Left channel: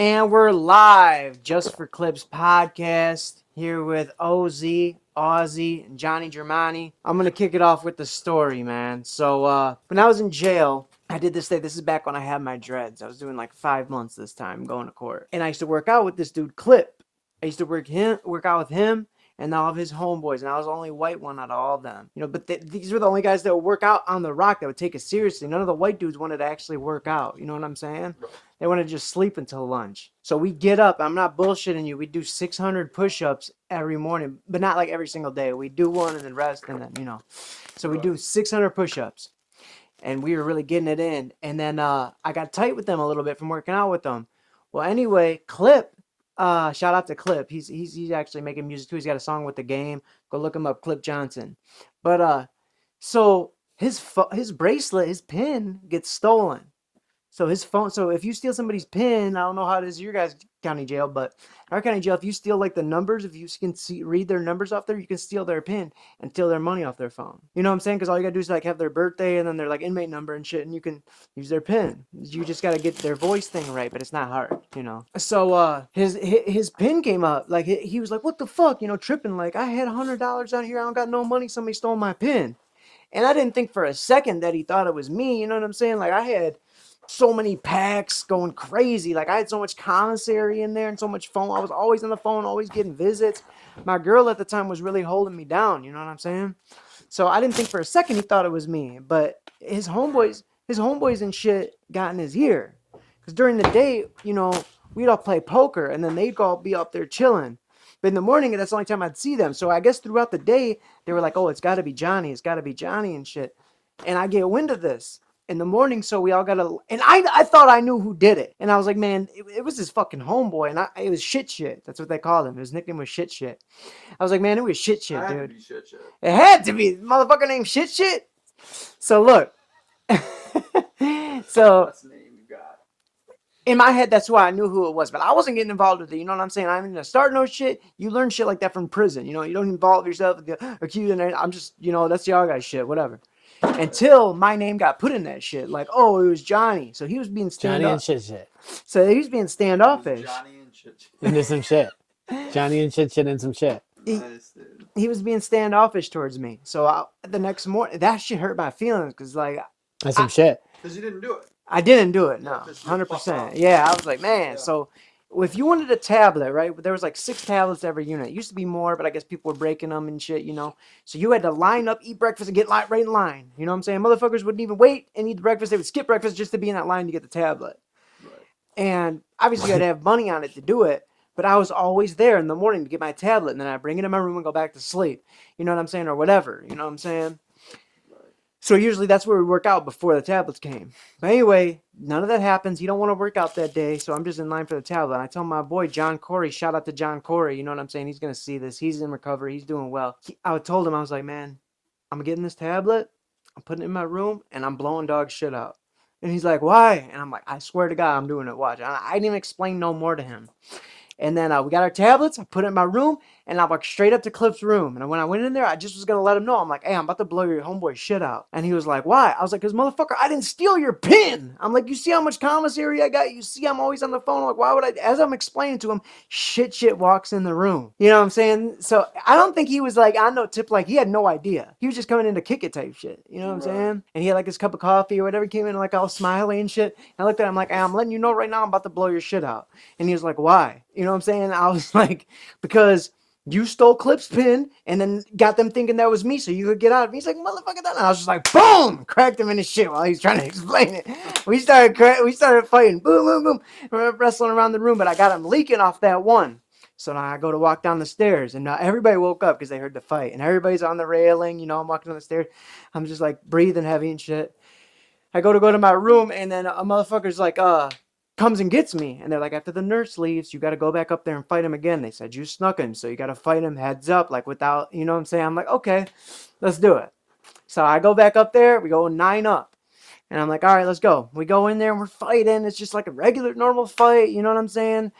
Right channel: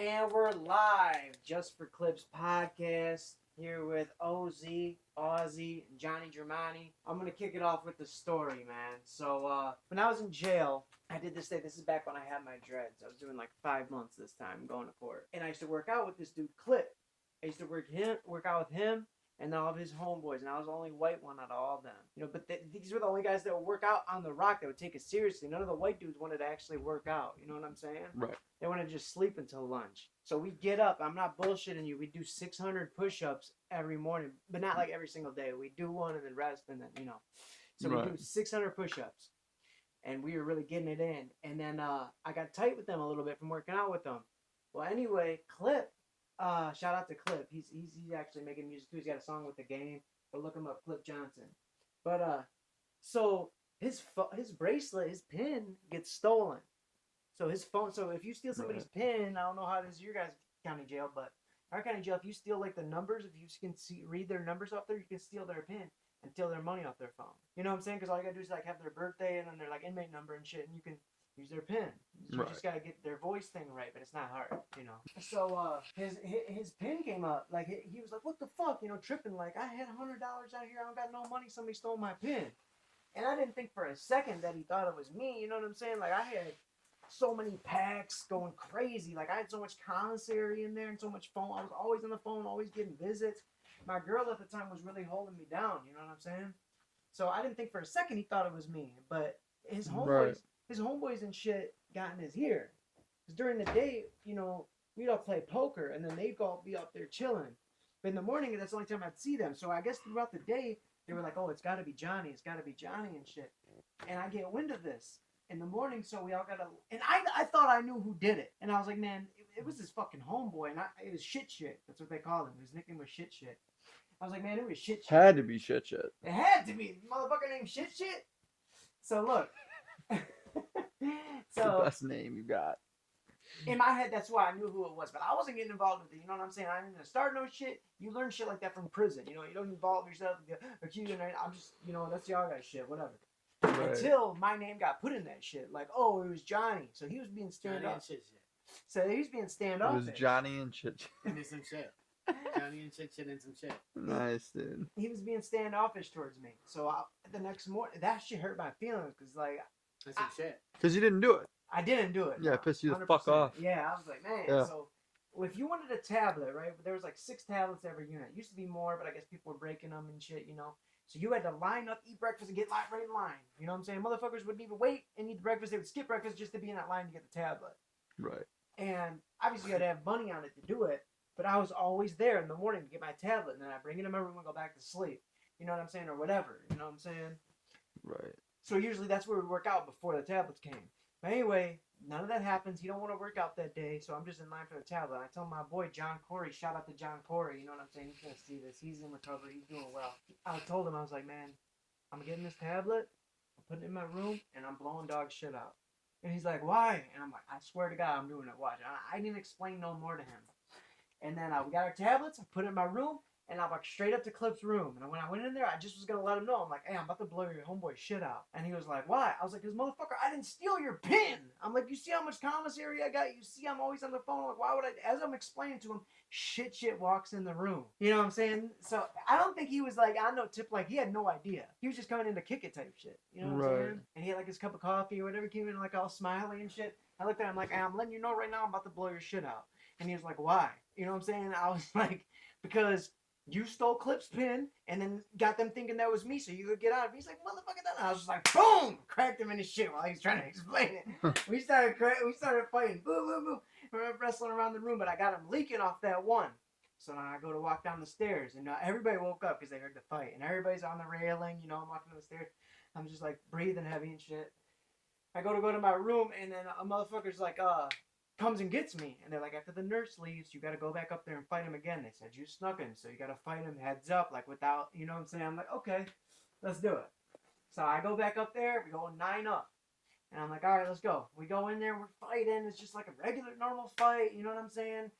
And we're live, Just for Clips podcast, here with AUZZIE, and Johnny Germani. I'm going to kick it off with the story, man. So, when I was in jail, I did this thing. This is back when I had my dreads. I was doing like 5 months this time, going to court. And I used to work out with this dude, Clip. I used to work out with him and all of his homeboys, and I was the only white one out of all of them. You know, but these were the only guys that would work out on the rock, that would take it seriously. None of the white dudes wanted to actually work out. You know what I'm saying? Right. They want to just sleep until lunch. So we get up. I'm not bullshitting you. We do 600 push-ups every morning, but not like every single day. We do one and then rest, and then, you know. So we do 600 push-ups, and we were really getting it in. And then I got tight with them a little bit from working out with them. Well, anyway, Clip, shout out to Clip. He's actually making music too. He's got a song with The Game. Go look him up, Clip Johnson. But so his bracelet, his pin gets stolen. So his phone. So if you steal somebody's pin, I don't know how it is in your guys' county jail, but in our county jail, if you steal like the numbers, if you can read their numbers off there, you can steal their pin and steal their money off their phone. You know what I'm saying? Because all you gotta do is like have their birthday and then their like inmate number and shit, and you can use their pin. You just gotta get their voice thing right, but it's not hard, you know. So his pin came up. Like he was like, "What the fuck?" You know, tripping. Like, I had $100 out here. I don't got no money. Somebody stole my pin. And I didn't think for a second that he thought it was me. You know what I'm saying? Like, I had so many packs going crazy. Like, I had so much commissary in there and so much phone. I was always on the phone, always getting visits. My girl at the time was really holding me down. You know what I'm saying? So I didn't think for a second he thought it was me. But his homeboys and shit got in his ear. Because during the day, you know, we'd all play poker and then they'd all be up there chilling. But in the morning, that's the only time I'd see them. So I guess throughout the day, they were like, "Oh, it's got to be Johnny. It's got to be Johnny," and shit. And I get wind of this in the morning, so we all got to... And I thought I knew who did it. And I was like, man, it was his fucking homeboy. And it was Shit. That's what they called him. His nickname was Shit. I was like, man, it was Shit, It had dude. to be shit. It had to be. Motherfucker named Shit. So look. So... Best name you got. In my head, that's why I knew who it was, but I wasn't getting involved with it. You know what I'm saying? I didn't start no shit. You learn shit like that from prison. You know, you don't involve yourself with the accused. And I'm just, you know, that's y'all guys shit, whatever. Until my name got put in that shit. Like, oh, it was Johnny. So he was being standoffish. Johnny and shit. So he was being standoffish. Johnny and shit. Into some shit. Johnny and shit and some shit. Nice, dude. He was being standoffish towards me. So the next morning, that shit hurt my feelings because, like... That's some shit. Because you didn't do it. I didn't do it. No, Yeah, 'cause you fucked 100%. up. Yeah, I was like, man. Yeah. So if you wanted a tablet, right? There was like 6 tablets every unit. It used to be more, but I guess people were breaking them and shit, you know. So you had to line up, eat breakfast, and get right in line. You know what I'm saying? Motherfuckers wouldn't even wait and eat the breakfast. They would skip breakfast just to be in that line to get the tablet. Right. And obviously you had to have money on it to do it. But I was always there in the morning to get my tablet, and then I'd bring it in my room and go back to sleep. You know what I'm saying? Or whatever. You know what I'm saying? Right. So usually that's where we work out before the tablets came. But anyway, none of that happens. He don't want to work out that day, so I'm just in line for the tablet. And I tell my boy, John Corey, shout out to John Corey. You know what I'm saying? He's going to see this. He's in recovery. He's doing well. I told him, I was like, man, I'm getting this tablet. I'm putting it in my room, and I'm blowing dog shit out. And he's like, why? And I'm like, I swear to God, I'm doing it. Watch. I didn't even explain no more to him. And then we got our tablets. I put it in my room, and I walked straight up to Clip's room. And when I went in there, I just was going to let him know. I'm like, hey, I'm about to blow your homeboy shit out. And he was like, why? I was like, because motherfucker, I didn't steal your pin. I'm like, you see how much commissary I got? You see I'm always on the phone. I'm like, why would I? As I'm explaining to him, shit walks in the room. You know what I'm saying? So I don't think he was like on no tip. Like, he had no idea. He was just coming in to kick it type shit. You know what I'm saying? And he had like his cup of coffee or whatever. He came in like all smiley and shit. And I looked at him like, hey, I'm letting you know right now, I'm about to blow your shit out. And he was like, why? You know what I'm saying? I was like, because you stole Clip's pin and then got them thinking that was me so you could get out. And he's like, motherfucker, that. And I was just like, boom, cracked him in his shit while he's trying to explain it. We started fighting, boom, wrestling around the room, but I got him leaking off that one. So now I go to walk down the stairs, and now everybody woke up because they heard the fight, and everybody's on the railing. You know, I'm walking down the stairs. I'm just like breathing heavy and shit. I go to my room, and then a motherfucker's like, comes and gets me. And they're like, after the nurse leaves, you got to go back up there and fight him again. They said, you snuck him, so you got to fight him heads up, like without, you know what I'm saying? I'm like, okay, let's do it. So I go back up there. We go 9 up. And I'm like, all right, let's go. We go in there and we're fighting. It's just like a regular, normal fight. You know what I'm saying?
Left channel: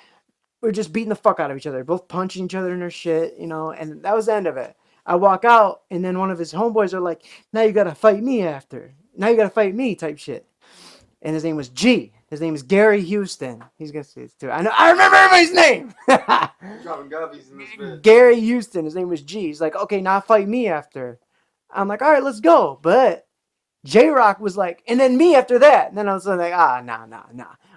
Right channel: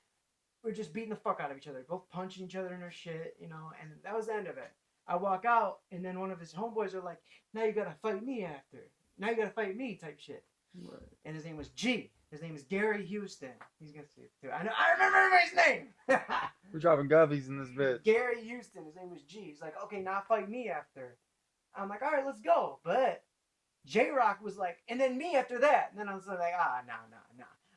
We're just beating the fuck out of each other. Both punching each other in their shit, you know? And that was the end of it. I walk out, and then one of his homeboys are like, now you got to fight me after. Now you got to fight me type shit. And his name was G. His name is Gary Houston. He's gonna see this too. I remember everybody's name. We're dropping gubbies in this bitch. Gary Houston. His name was G. He's like, okay, now fight me after. I'm like, all right, let's go. But J-Rock was like, and then me after that. And then I was like, nah.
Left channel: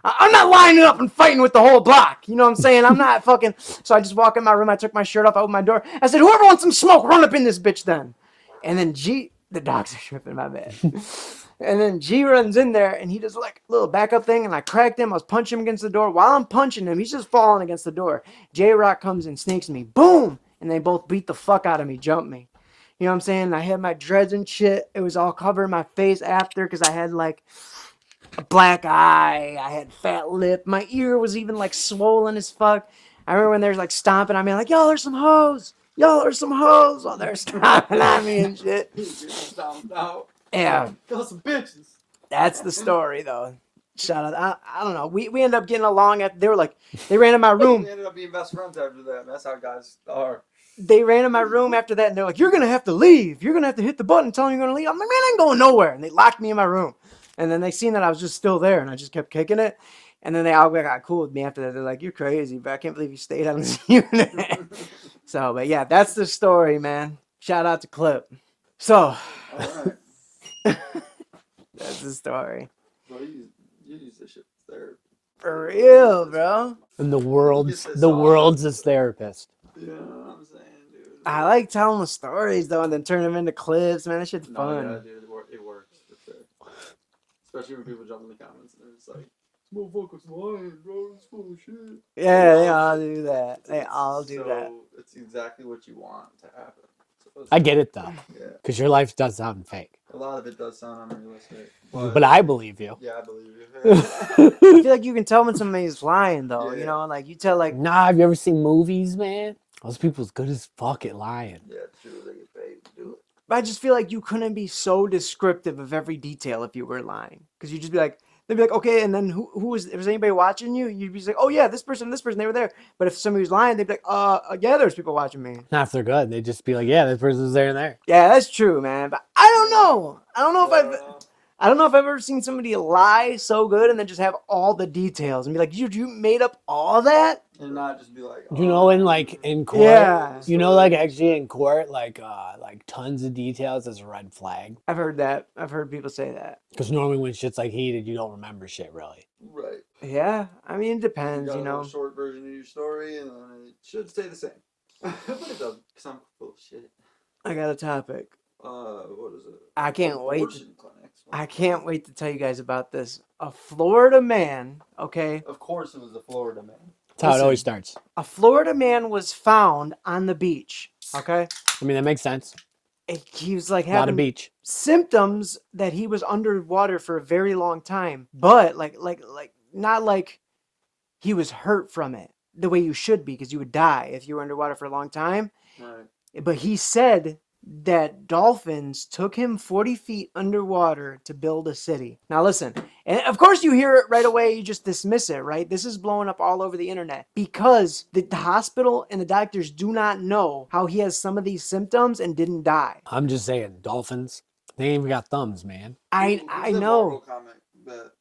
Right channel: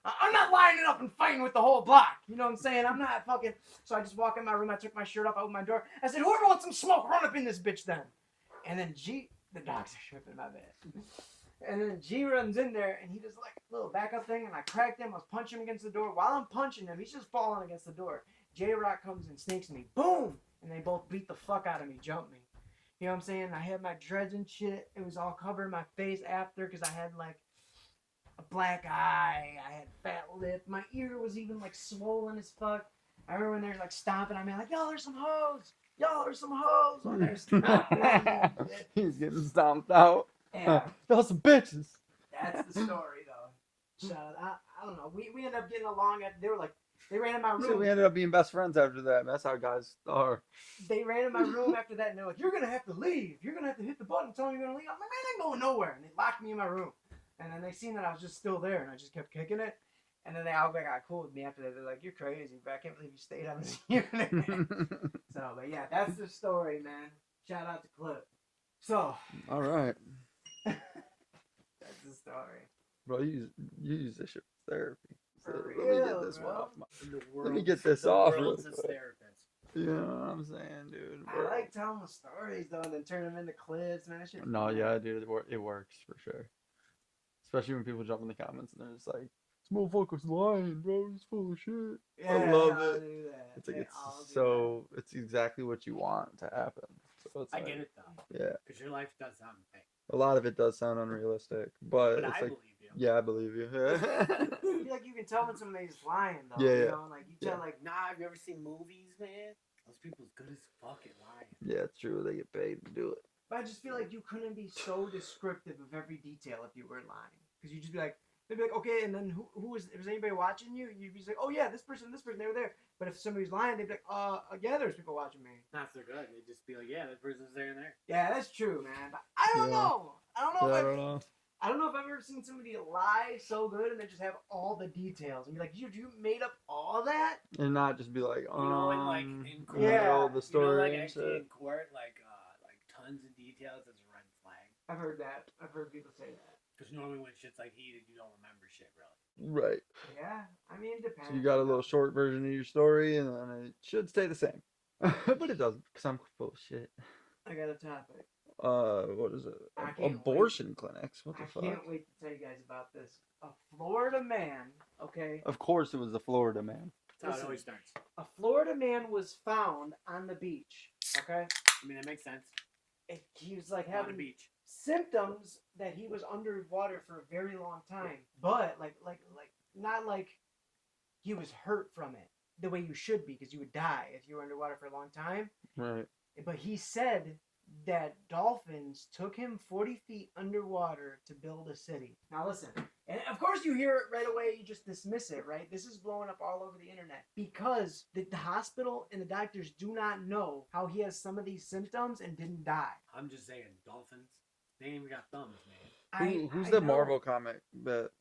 I'm not lining up and fighting with the whole block. You know what I'm saying? I'm not fucking. So I just walk in my room. I took my shirt off. I opened my door. I said, whoever wants some smoke, run up in this bitch then. And then the dogs are tripping, my bad. And then G runs in there and he does like a little backup thing. And I cracked him. I was punching him against the door. While I'm punching him, he's just falling against the door. J-Rock comes and snakes me. Boom. And they both beat the fuck out of me, jump me. You know what I'm saying? I had my dreads and shit. It was all covering my face after because I had like a black eye. I had fat lip. My ear was even like swollen as fuck. I remember when they were like stomping on me, like, y'all are some hoes. Y'all are some hoes. While they're stomping on me and shit. He's getting stomped out. Yeah. Y'all some bitches. That's the story though. Shout out. I don't know. We ended up getting along. They ran in my room. We ended up being best friends after that. And that's how guys are. They ran in my room after that and they're like, you're going to have to leave. You're going to have to hit the button and tell them you're going to leave. I'm like, man, I ain't going nowhere. And they locked me in my room. And then they seen that I was just still there and I just kept kicking it. And then they all got cool with me after that. They're like, you're crazy, but I can't believe you stayed on this unit. So, but yeah, that's the story, man. Shout out to Clip. So. All right. That's the story. Bro, you use this shit for therapy. For real, bro. And the world's his therapist. You know what I'm saying, dude? I like telling the stories though, and then turn them into clips. Man, that shit's No, fun. yeah, dude, it works for sure. Especially when people jump in the comments and they're just like, "This motherfucker's lying, bro. He's full of shit." Yeah, they all do that. They all do that. So it's exactly what you want to happen. So I get it though, yeah, because your life does sound fake. a lot of it does sound unrealistic, but I believe you. yeah, I believe you. I feel like you can tell when somebody's lying though. Yeah. You know, like you tell like. Nah, have you ever seen movies, man? Those people's good as fuck at lying. Yeah, true. They get paid to do it. But I just feel like you couldn't be so descriptive of every detail if you were lying, because you'd just be like. They'd be like, okay, and then who was? If there's anybody watching you, you'd be like, oh yeah, this person, they were there. But if somebody was lying, they'd be like, yeah, there's people watching me. Not if they're good. They'd just be like, yeah, this person's there and there. Yeah, that's true, man. But I don't know. I don't know if Yeah. I don't know if I've ever seen somebody lie so good and then just have all the details and be like, you made up all that? And not just be like, You know, in court, Yeah. you know, like actually in court, like tons of details is a red flag. I've heard that. I've heard people say that. Because normally when shit's like heated, you don't remember shit really. right. Yeah, I mean, it You depends, got a you know. little short version of your story, and then it should stay the same. But it doesn't, because I'm full of shit. I got a topic. What is it? I can't wait. Abortion clinics. What I the can't fuck? wait to tell you guys about this. A Florida man, okay? Of course, it was the Florida man. That's how Listen. it always starts. A Florida man was found on the beach, okay? I mean, that makes sense. He was like A lot of having beach. symptoms that he was underwater for a very long time, but like not like he was hurt from it the way you should be, because you would die if you were underwater for a long time. Right. But he said that dolphins took him 40 feet underwater to build a city. Now listen, and of course you hear it right away, you just dismiss it, right? This is blowing up all over the internet because the hospital and the doctors do not know how he has some of these symptoms and didn't die. I'm just saying, dolphins, they ain't even got thumbs, man. I Who's the know. Marvel comic that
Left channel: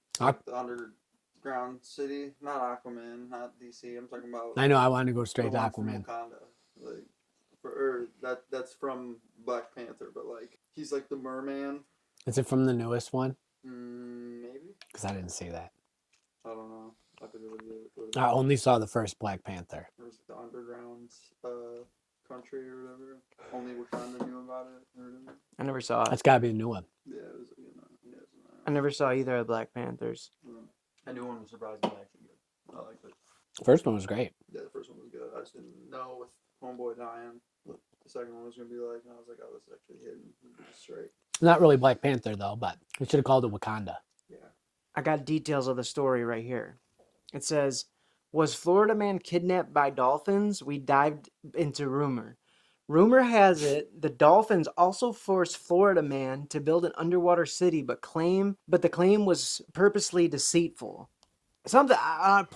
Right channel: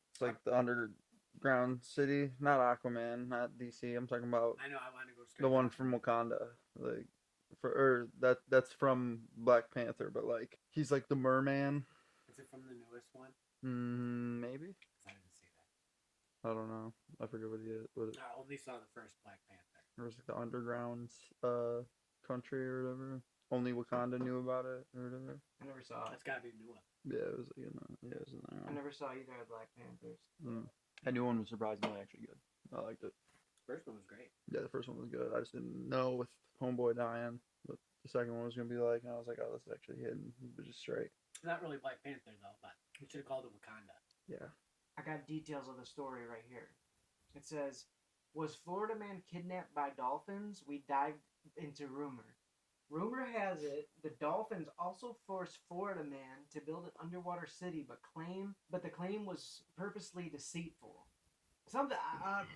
the underground city, not Aquaman, not DC. I'm talking about I know I wanted to go the straight to one from Aquaman. Wakanda. Like, that's from Black Panther, but like he's like the merman. Is it from the newest one? Maybe. Because I didn't see that. I don't know. I forget what he is. What is I only saw the first Black Panther. Or was it the underground country or whatever? Only Wakanda knew about it or whatever. I never saw it. That's got to be a new one. Yeah, it was. Yeah, it was in there. I never saw either of Black Panthers. That new one was surprisingly actually good. I liked it. First one was great. Yeah, the first one was good. I just didn't know with Homeboy dying what the second one was gonna be like. And I was like, oh, this is actually hidden. Just straight. Not really Black Panther though, but we should have called it Wakanda. Yeah. I got details of the story right here. It says, was Florida man kidnapped by dolphins? We dived into rumor. Rumor has it the dolphins also forced Florida man to build an underwater city, but the claim was purposely deceitful. Something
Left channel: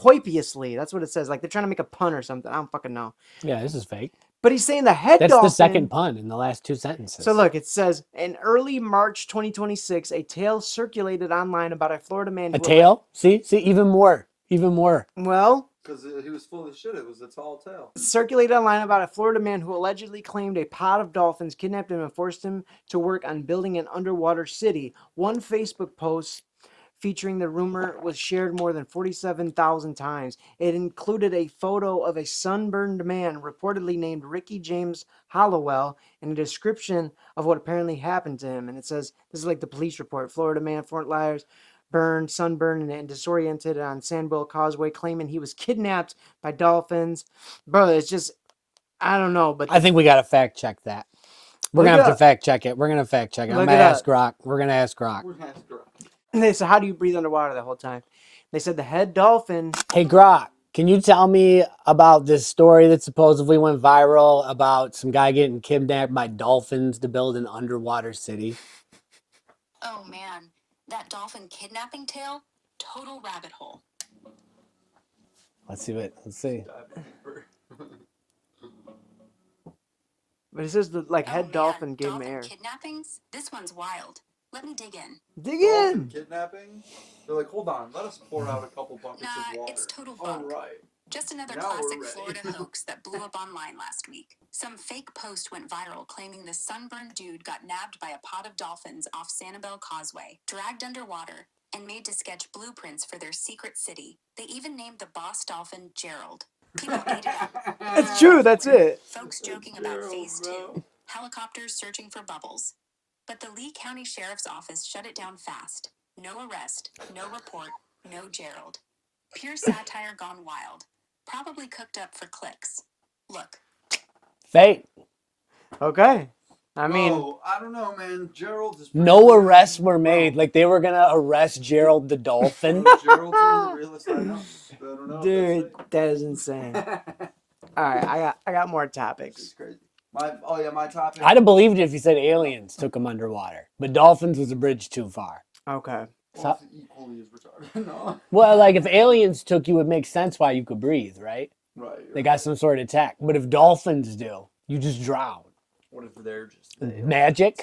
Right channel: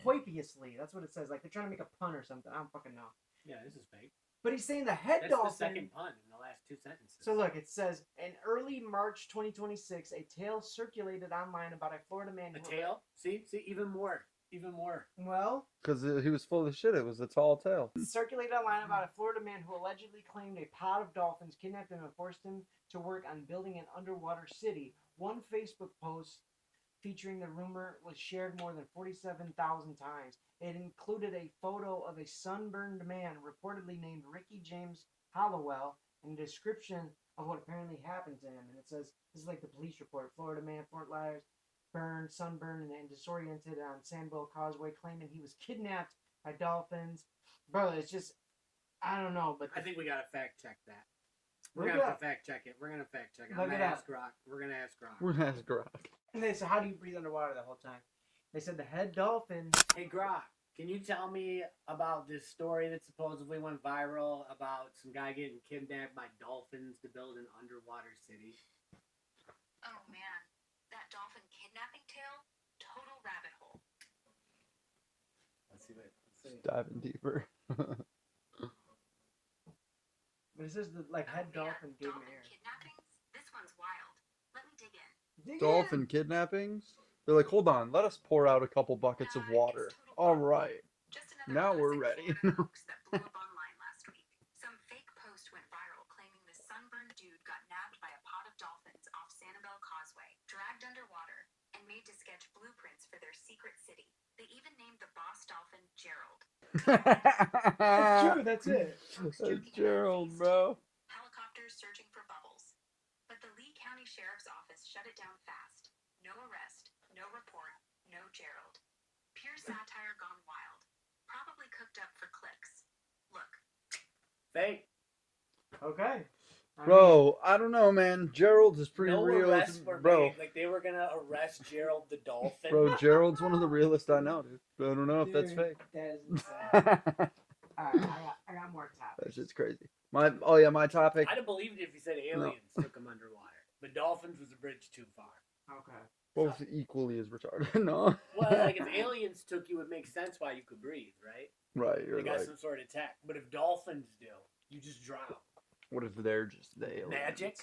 poipiously, that's what it says. Like they're trying to make a pun or something. I don't fucking know. Yeah, this is fake. But he's saying the head That's dolphin. the second pun in the last two sentences. So look, it says in early March 2026, a tale circulated online about a Florida man. A tail? See, even more. Well, Because he was full of shit. It was a tall tale. circulated online about a Florida man who allegedly claimed a pod of dolphins kidnapped him and forced him to work on building an underwater city. One Facebook post featuring the rumor was shared more than 47,000 times. It included a photo of a sunburned man reportedly named Ricky James Hollowell and a description of what apparently happened to him. And it says, this is like the police report. Florida man, Fort Myers, burned, sunburned, and disoriented on Sandwell Causeway, claiming he was kidnapped by dolphins. Bro, it's just, I don't know. But I think we got to fact check that. We're Look going to it have to up. fact check it. We're going to fact check it. I'm Look going to it ask up. Grok. We're going to ask Grok. We're gonna ask Grok. And they said, how do you breathe underwater the whole time? They said the head dolphin. Hey, Grok, can you tell me about this story that supposedly went viral about some guy getting kidnapped by dolphins to build an underwater city? Oh man, that dolphin kidnapping tale? Total rabbit hole. Let's see. Diving deeper. But it says the like Oh, head man, dolphin gave him dolphin air. kidnappings? This one's wild. Let me dig in. Dig Dolphin in. kidnapping? They're like, hold on, let us pour out a couple buckets Nah, of water. it's total All bunk. right. Just another Now we're classic ready. Florida hoax that blew up online last week. Some fake post went viral claiming this sunburned dude got nabbed by a pod of dolphins off Sanibel Causeway, dragged underwater, and made to sketch blueprints for their secret city. They even named the boss dolphin Gerald. People ate it up. It's true. That's it. Folks That's joking about Gerald, phase bro. 2, helicopters searching for bubbles. But the Lee County Sheriff's Office shut it down fast. No arrest, no report, no Gerald. Pure satire gone wild. Probably cooked up for clicks. Look. Fake. Okay. I mean, Bro, I don't know, man. Gerald is pretty No real. arrests were Bro. made. Like they were going to arrest Gerald the dolphin. Bro, Gerald's one of the realest I know. I don't know dude, if that is insane. that's fake. All right, I got more This topics. is crazy. My topic. I'd have believed it if you said aliens took him underwater. But dolphins was a bridge too far. Okay. Both equally as retarded. No. Well, like if aliens took you, it makes sense why you could breathe, right? Right. They got some sort of tech. But if dolphins do, you just drown. What if they're just the aliens? Magic?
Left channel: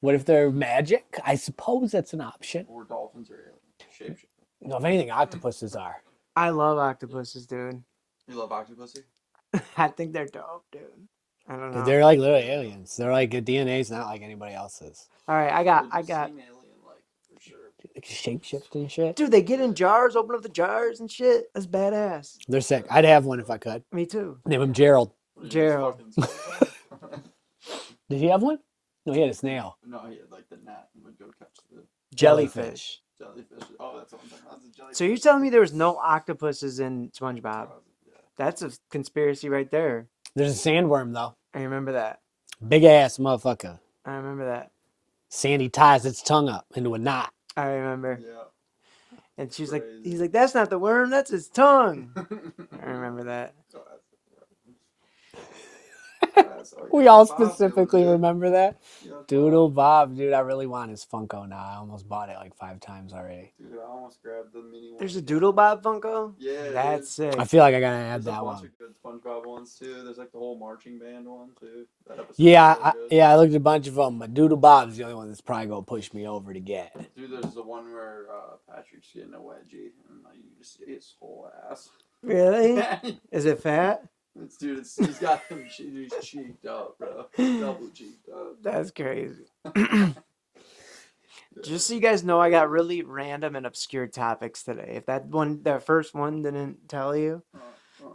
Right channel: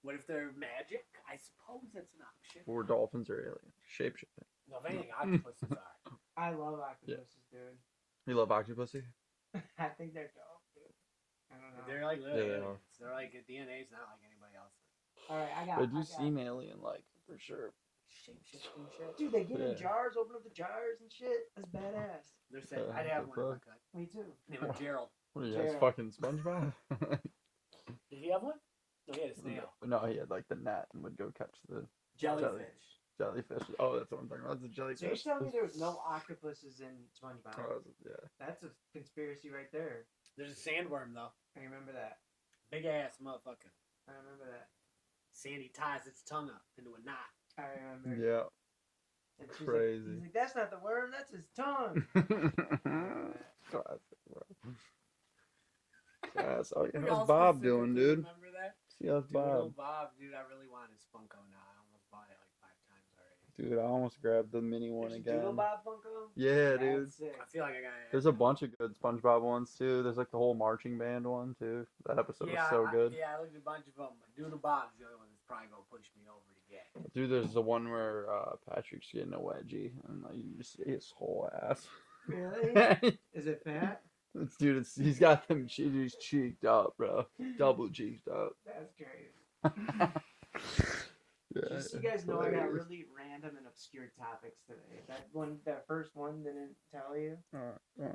What if they're magic? I suppose that's an option. Or dolphins are aliens. Shapeshifting. No, if anything, octopuses are. I love octopuses, dude. You love Octopussy? I think they're dope, dude. I don't know. They're like literally Yeah. aliens. They're like a DNA's not like anybody else's. All right, I They got. seem alien-like for sure. Like shapeshift and shit. Dude, they get in Yeah. jars, open up the jars and shit. That's badass. They're sick. I'd have one if I could. Me too. Name him Gerald. What are you, Gerald. fucking SpongeBob? Did he have one? No, he had a snail. No, he had like the net and would go catch the Jellyfish. jellyfish. Oh, that's what I'm talking about. That's a jellyfish. So you're telling me there was no octopuses in SpongeBob? Yeah. That's a conspiracy right there. There's a sandworm though. I remember that. Big ass motherfucker. I remember that. Sandy ties its tongue up into a knot. I remember. Yeah. And she's like, Crazy. he's like, that's not the worm, that's his tongue. I remember that. Classic, bro. That's all We you all got Bob specifically doing, dude. remember that. Yeah, Bob. Doodle Bob, dude, I really want his Funko now. I almost bought it like 5 times already. Dude, I almost grabbed the mini one. There's a again. Doodle Bob Funko? Yeah. That's sick. I feel like I gotta add There's a that bunch one. of good SpongeBob ones too. There's like the whole marching band one too. That episode Yeah, was so good. I looked at a bunch of them, but Doodle Bob's the only one that's probably gonna push me over to get. Dude, there's the one where Patrick's getting a wedgie and like you just see his whole ass. Really? Is it fat? Dude, he's got them. He's cheeked up, bro. Double cheeked up. That's crazy. Yeah. Just so you guys know, I got really random and obscure topics today. If that first one didn't tell you,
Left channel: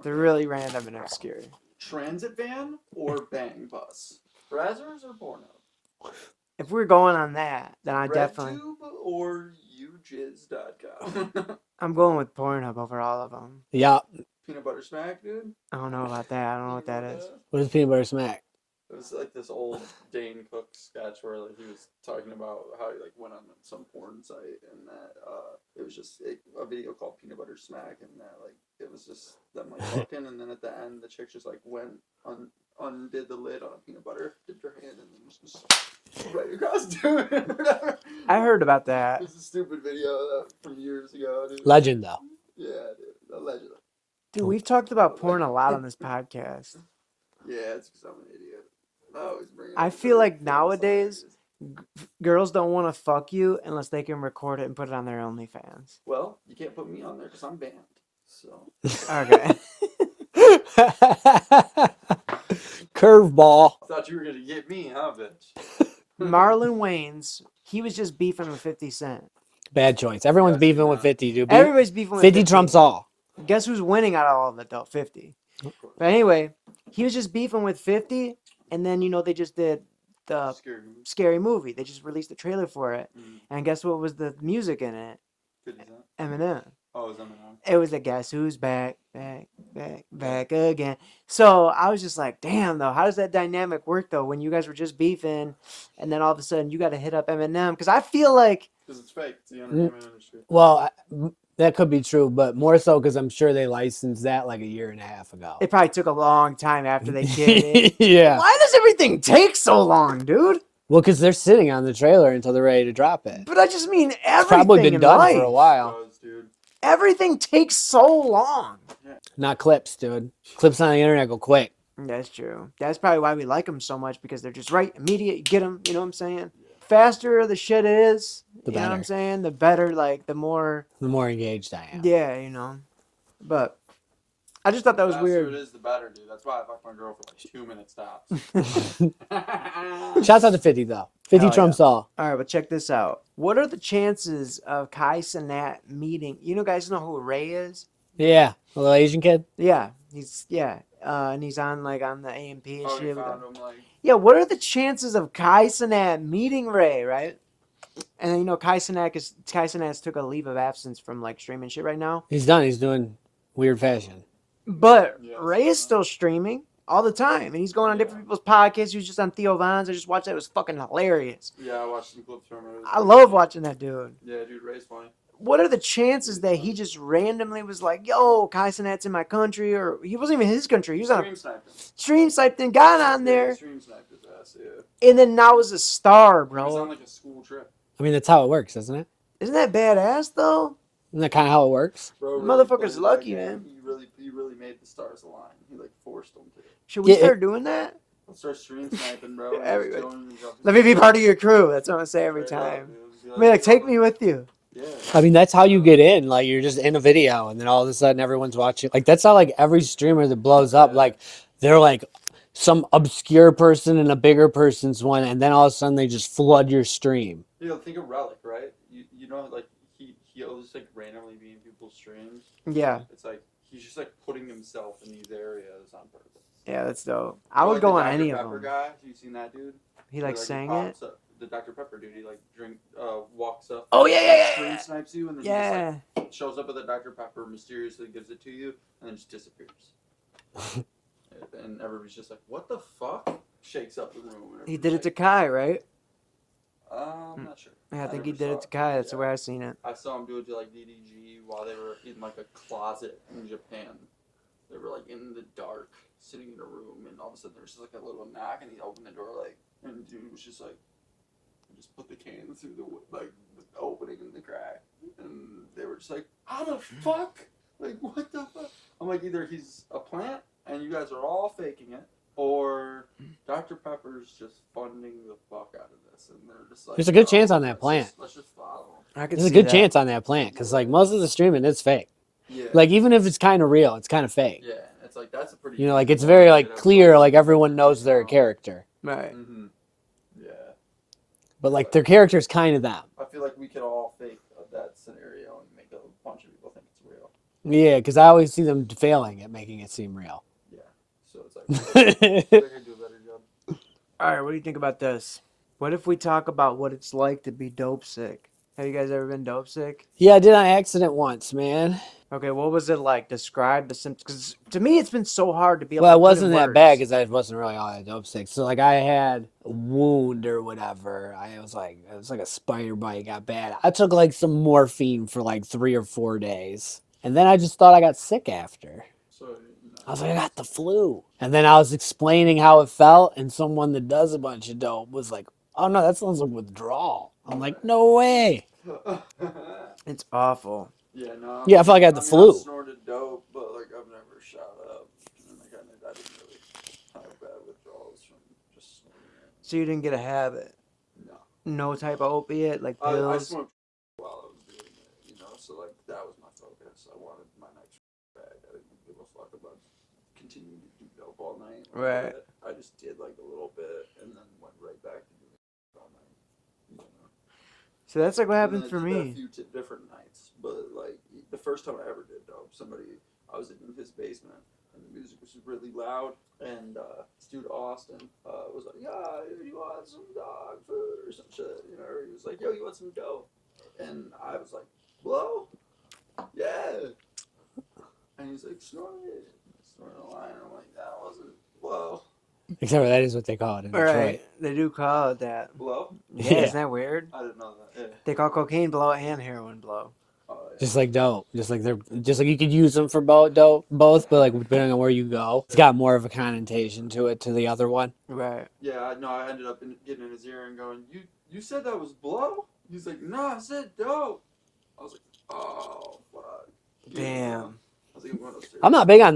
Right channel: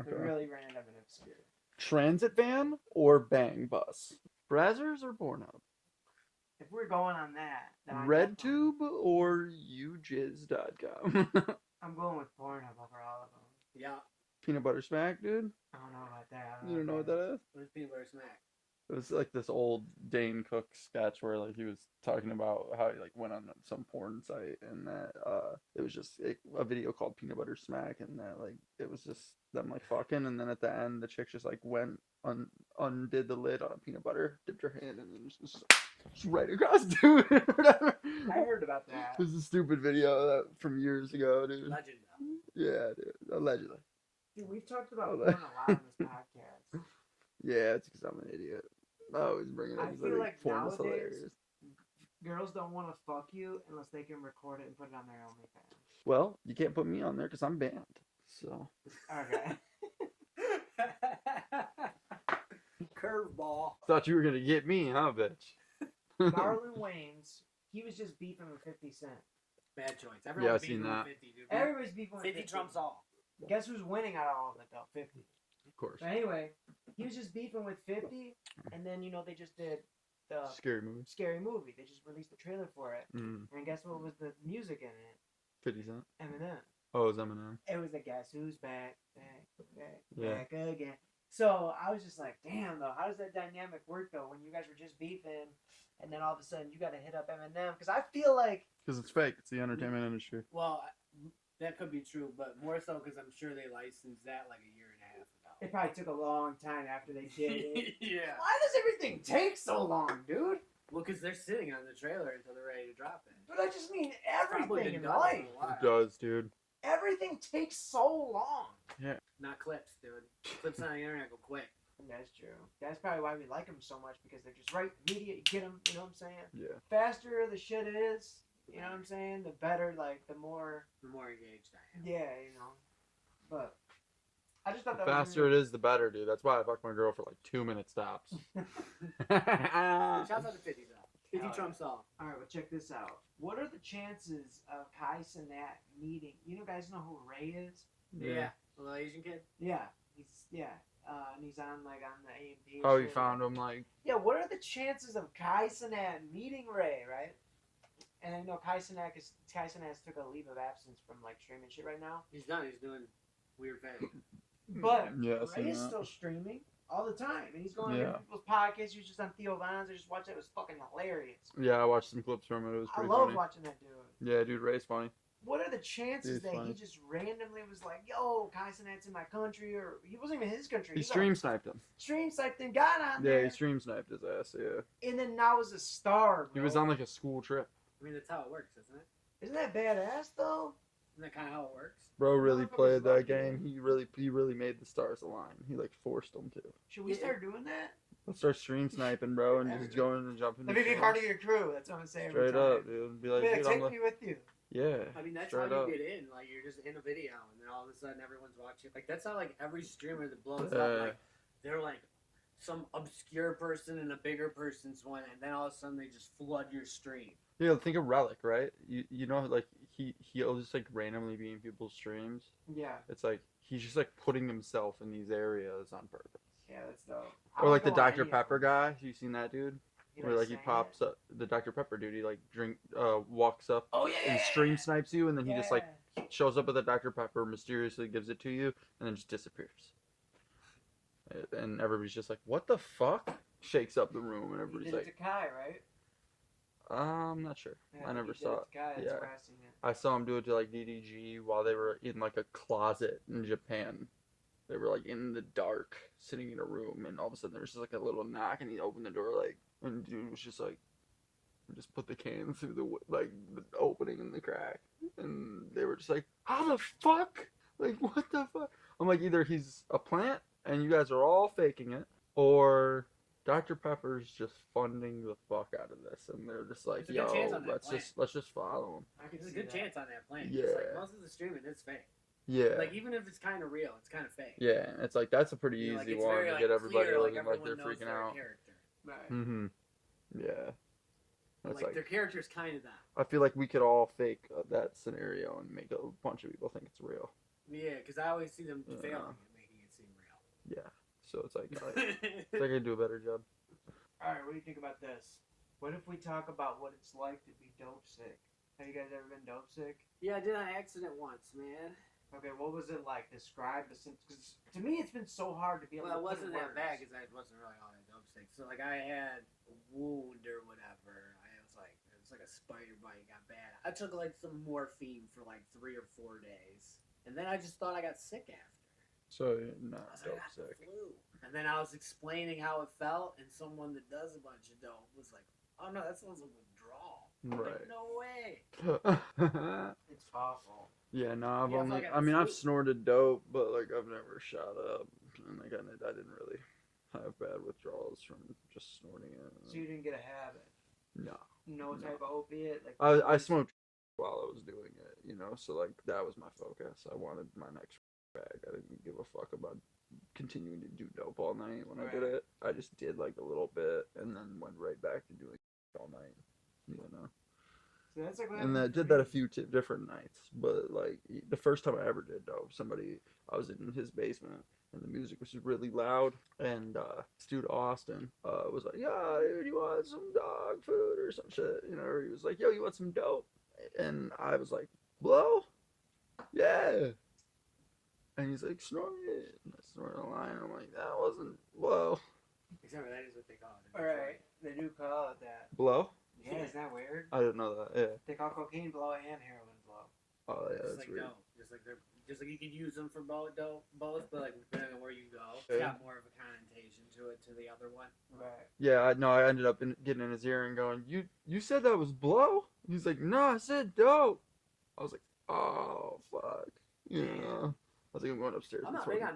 they're really random and obscure. Transit van or bang bus? Brazzers or Pornhub? If we're going on that, then I definitely. RedTube or UJizz.com? I'm going with Pornhub over all of them. Yeah. Peanut butter smack, dude. I don't know about that. I don't know You what that is. What is peanut butter smack? It was like this old Dane Cook sketch where like he was talking about how he like went on some porn site and that it was just a video called Peanut Butter Smack and that like it was just them like fucking and then at the end the chick just like went undid the lid on peanut butter, dipped her hand and then just right across dude or whatever. I heard about that. It was a stupid video from years ago, dude. Legend though. Yeah, dude. Allegedly. Dude, we've talked about porn a lot on this podcast. Yeah, it's because I'm an idiot. Always bring it I up feel to like think it's nowadays hilarious. girls don't want to fuck you unless they can record it and put it on their OnlyFans. Well, you can't put me on there because I'm banned. So Okay. Curveball. thought you were gonna get me, huh, bitch? Marlon Wayans, he was just beefing with 50 Cent. Bad choice. Everyone's Yes, beefing with nah. 50, dude. Everybody's beefing with 50 trumps all. Guess who's winning out of all of it though? 50. Of course. But anyway, he was just beefing with 50, and then they just did the Scary movie. Scary Movie. They just released the trailer for it, Mm. and guess what was the music in it? 50 Cent. Eminem. Oh, it was Eminem. It was the Guess Who's Back, back again. So I was just like, damn though, how does that dynamic work though when you guys were just beefing, and then all of a sudden you got to hit up Eminem? Because I feel like Because it's fake. It's the entertainment industry. Well, that could be true, but more so because I'm sure they licensed that like a year and a half ago. it probably took a long time after they did it. Yeah. Why does everything take so long, dude? Well, because they're sitting on the trailer until they're ready to drop it. But I just mean It's everything probably been in done life. for a while. It does, dude. Everything takes so long. Not clips, dude. Clips on the internet go quick. That's true. That's probably why we like them so much, because they're just right, immediate. You get them. You know what I'm saying? Yeah. Faster the shit is, The you know what I'm better. saying? The better, like the more. The more engaged I am. Yeah, But I just thought that was The faster weird. it is, the better, dude. That's why I fuck my girl for like 2-minute stops. Shouts out to 50 though. 50 Hell trumps all. All right, but check this out. What are the chances of Kai Cenat meeting? Guys know who Ray is? Yeah, a little Asian kid. Yeah, and he's on on the AMP and Oh, shit. you found him like. Yeah, what are the chances of Kai Cenat meeting Ray, right? And Kai Cenat took a leave of absence from streaming shit right now. He's done. He's doing weird fashion. But Yeah, I've Ray seen is that. still streaming all the time, and he's going on Yeah. different people's podcasts. He was just on Theo Von's. I just watched that. It was fucking hilarious. Yeah, I watched some clips from it. It was I pretty love funny. watching that dude. Yeah, dude, Ray's funny. What are the chances He's that funny. he just randomly was like, "Yo, Kai Cenat's in my country," or he wasn't even his country. He He was on stream sniped him. stream site, then got on Yeah, he there, stream sniped his ass. Yeah. and then now is a star, He was on bro. like a school trip. I mean, that's how it works, isn't it? Isn't that badass though? Isn't that kind of how it works? Bro, really Motherfucker's played that lucky, game. man. He really made the stars align. He forced them to. Should we Yeah, start doing that? Let's start stream sniping, bro. And Everybody. just join and jump Let me be part of your crew. That's what I say every Straight up, time. dude. Be I mean, yo, take me with you. Yeah. I mean, that's how you get in. Like, you're just in a video, and then all of a sudden, everyone's watching. Like, that's how every streamer that blows up, Yeah. like, they're like some obscure person and a bigger person's one, and then all of a sudden they just flood your stream. Yeah, think of Relic, right? You know, like he always randomly be in people's streams. Yeah, It's like he's just putting himself in these areas on purpose. yeah, that's dope. I Or, would like, go the on Dr. any Pepper of them. guy. You seen that dude? He Where, he sang it. pops up, the Dr. Pepper dude. He walks up. Oh yeah, and yeah, stream yeah. snipes you, and then Yeah. he just shows up with a Dr. Pepper, mysteriously gives it to you, and then just disappears. And everybody's just like, "What the fuck?" Shakes up the room. And He everybody's did it to like, Kai, right? I'm not sure. Yeah, I think he never did saw it to Kai. That's Yeah. the way I seen it. I saw him do it to DDG while they were in a closet in Japan. They were in the dark, sitting in a room, and all of a sudden there was just a little knock, and he opened the door and dude was just just put the can through the opening in the crack, and they were just like, how the fuck? What the fuck? I'm like, either he's a plant and you guys are all faking it, or Dr. Pepper's just funding the fuck out of this, and they're just like, There's a good chance "Yo, on that let's plant." let's just follow him. I could There's a see good that. chance on that plant because, Yeah. most of the streaming is fake. Yeah. Like, even if it's kind of real, it's kind of fake. Yeah, it's that's a pretty. You know, easy it's one very to get clear. everybody Like, to everyone freak knows their out. character, Right. Mm-hmm. Yeah, but their character's kind of them. I feel like we could all fake that scenario and make a bunch of people think it's real. Yeah, because I always see them failing at making it seem real. Yeah, so it's they're gonna do a better job. All right, what do you think about this? What if we talk about what it's like to be dope sick? Have you guys ever been dope sick? Yeah, I did on accident once, man. Okay, what was it like? Describe the symptoms. Because to me, it's been so hard to be able Well, to it put wasn't in that words. bad because I wasn't really all that dope sick. So I had a wound or whatever. It was like a spider bite got bad. I took some morphine for 3 or 4 days, and then I just thought I got sick after. So no, I was like, I got the flu, and then I was explaining how it felt, and someone that does a bunch of dope was like, "Oh no, that sounds like withdrawal." I'm like, "No way." It's awful. yeah, no. Yeah, I feel like I had the flu. I've snorted dope, but I've never shot up, and I didn't really. So you didn't get a habit. No. No type of opiate like I pills. smoked while I was doing it, you know, so like that was my focus. I wanted my next bag. I didn't give a fuck about continuing to do dope all night when I Right. did it. I just did like a little bit and then went right back to doing it all night, you know. So that's like what And happened I for did that a me. few different nights, but like the first time I ever did dope, I was in his basement and the music was really loud, and this dude Austin was like, "Yeah, you want some dog food or some shit?" You know, or he was like, "Yo, you want some dope?" And I was like, "Blow, yeah." And he's like, "Snort it." And I snorted a line. I'm like, "That wasn't blow." Except for that is what they call it in Detroit. Right. They do call it that. Blow? Yeah, Yeah. isn't that weird? I didn't know that. Yeah. They call cocaine blow and heroin blow. Oh, yeah. Just like dope, just like you could use them for both, but like depending on where you go, it's got more of a connotation to it to the other one. Right. Yeah, I know. I ended up getting in his ear and going, "You said that was blow?" He's like, "No, I said dope." I was like, "Oh fuck." You know? Damn. I was like, "I'm going upstairs." I'm not big on.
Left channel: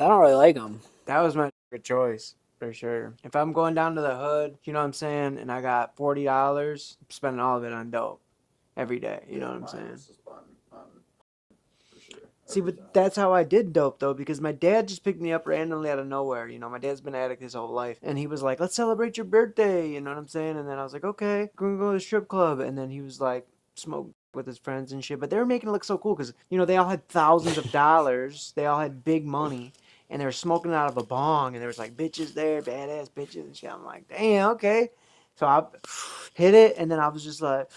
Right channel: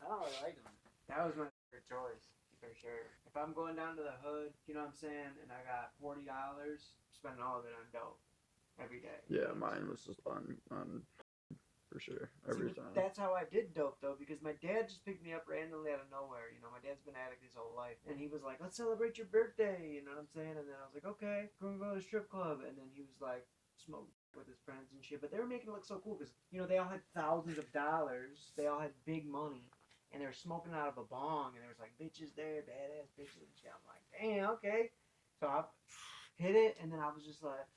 I don't really like them. That was my good choice for sure. If I'm going down to the hood, you know what I'm saying, and I got $40, I'm spending all of it on dope every day. You know what I'm mine saying? was just on for sure. See, every but time. that's how I did dope though, because my dad just picked me up randomly out of nowhere. You know, my dad's been an addict his whole life, and he was like, "Let's celebrate your birthday." You know what I'm saying? And then I was like, "Okay, we're gonna go to the strip club." And then he was like, smoke with his friends and shit. But they were making it look so cool because you know they all had thousands of dollars, they all had big money, and they were smoking out of a bong, and there was like bitches there, badass bitches and shit. I'm like, damn, okay. So I hit it, and then I was just like,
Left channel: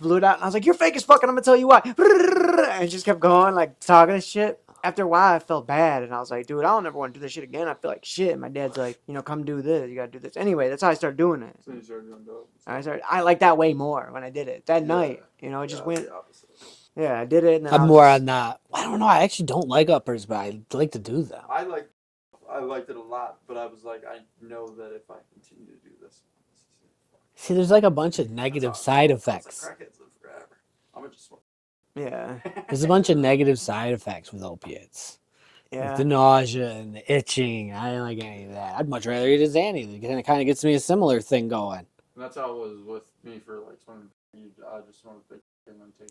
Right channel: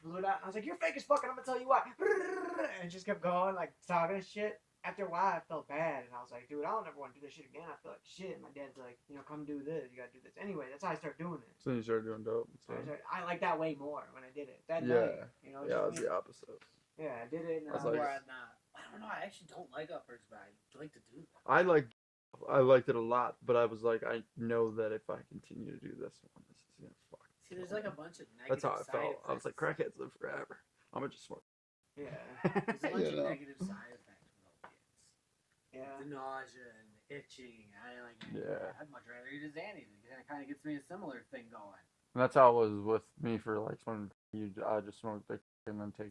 blew it out, and I was like, "You're fake as fuck, and I'm gonna tell you why." And it just kept going, like talking and shit. After a while, I felt bad, and I was like, "Dude, I don't ever want to do this shit again. I feel like shit." And my dad's like, "You know, come do this. You gotta do this." Anyway, that's how I started doing it. So you started doing dope. I like that way more when I did it that Yeah. night. You know, it Yeah, just I was went. the opposite. Yeah, I did it, and then I I'm was more just- on that. I don't know. I actually don't like uppers, but I like to do them. I liked it a lot, but I was like, I know that if I continue to do this one, this is gonna fuck. See, there's like a bunch of That's negative how I side felt. I was effects. like, crackheads live forever. I'm gonna just smoke. Yeah, There's a bunch of negative side effects with opiates. yeah. Like the nausea and the itching. I didn't like any of that. I'd much rather eat a Xanny. It kind of gets me a similar thing going. And that's how it was with me for like when I just smoked big and then take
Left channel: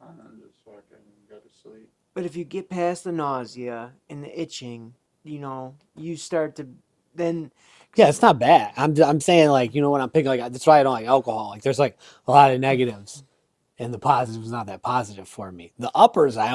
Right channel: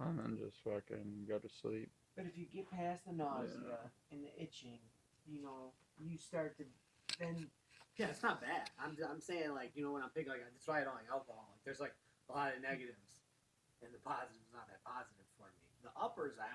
and then just fucking go to sleep. But if you get past the nausea and the itching, you know, you start to then. Yeah, it's not bad. I'm saying like, you know, when I'm picking like that's why I don't like alcohol. Like there's like a lot of negatives, and the positive's not that positive for me. The uppers I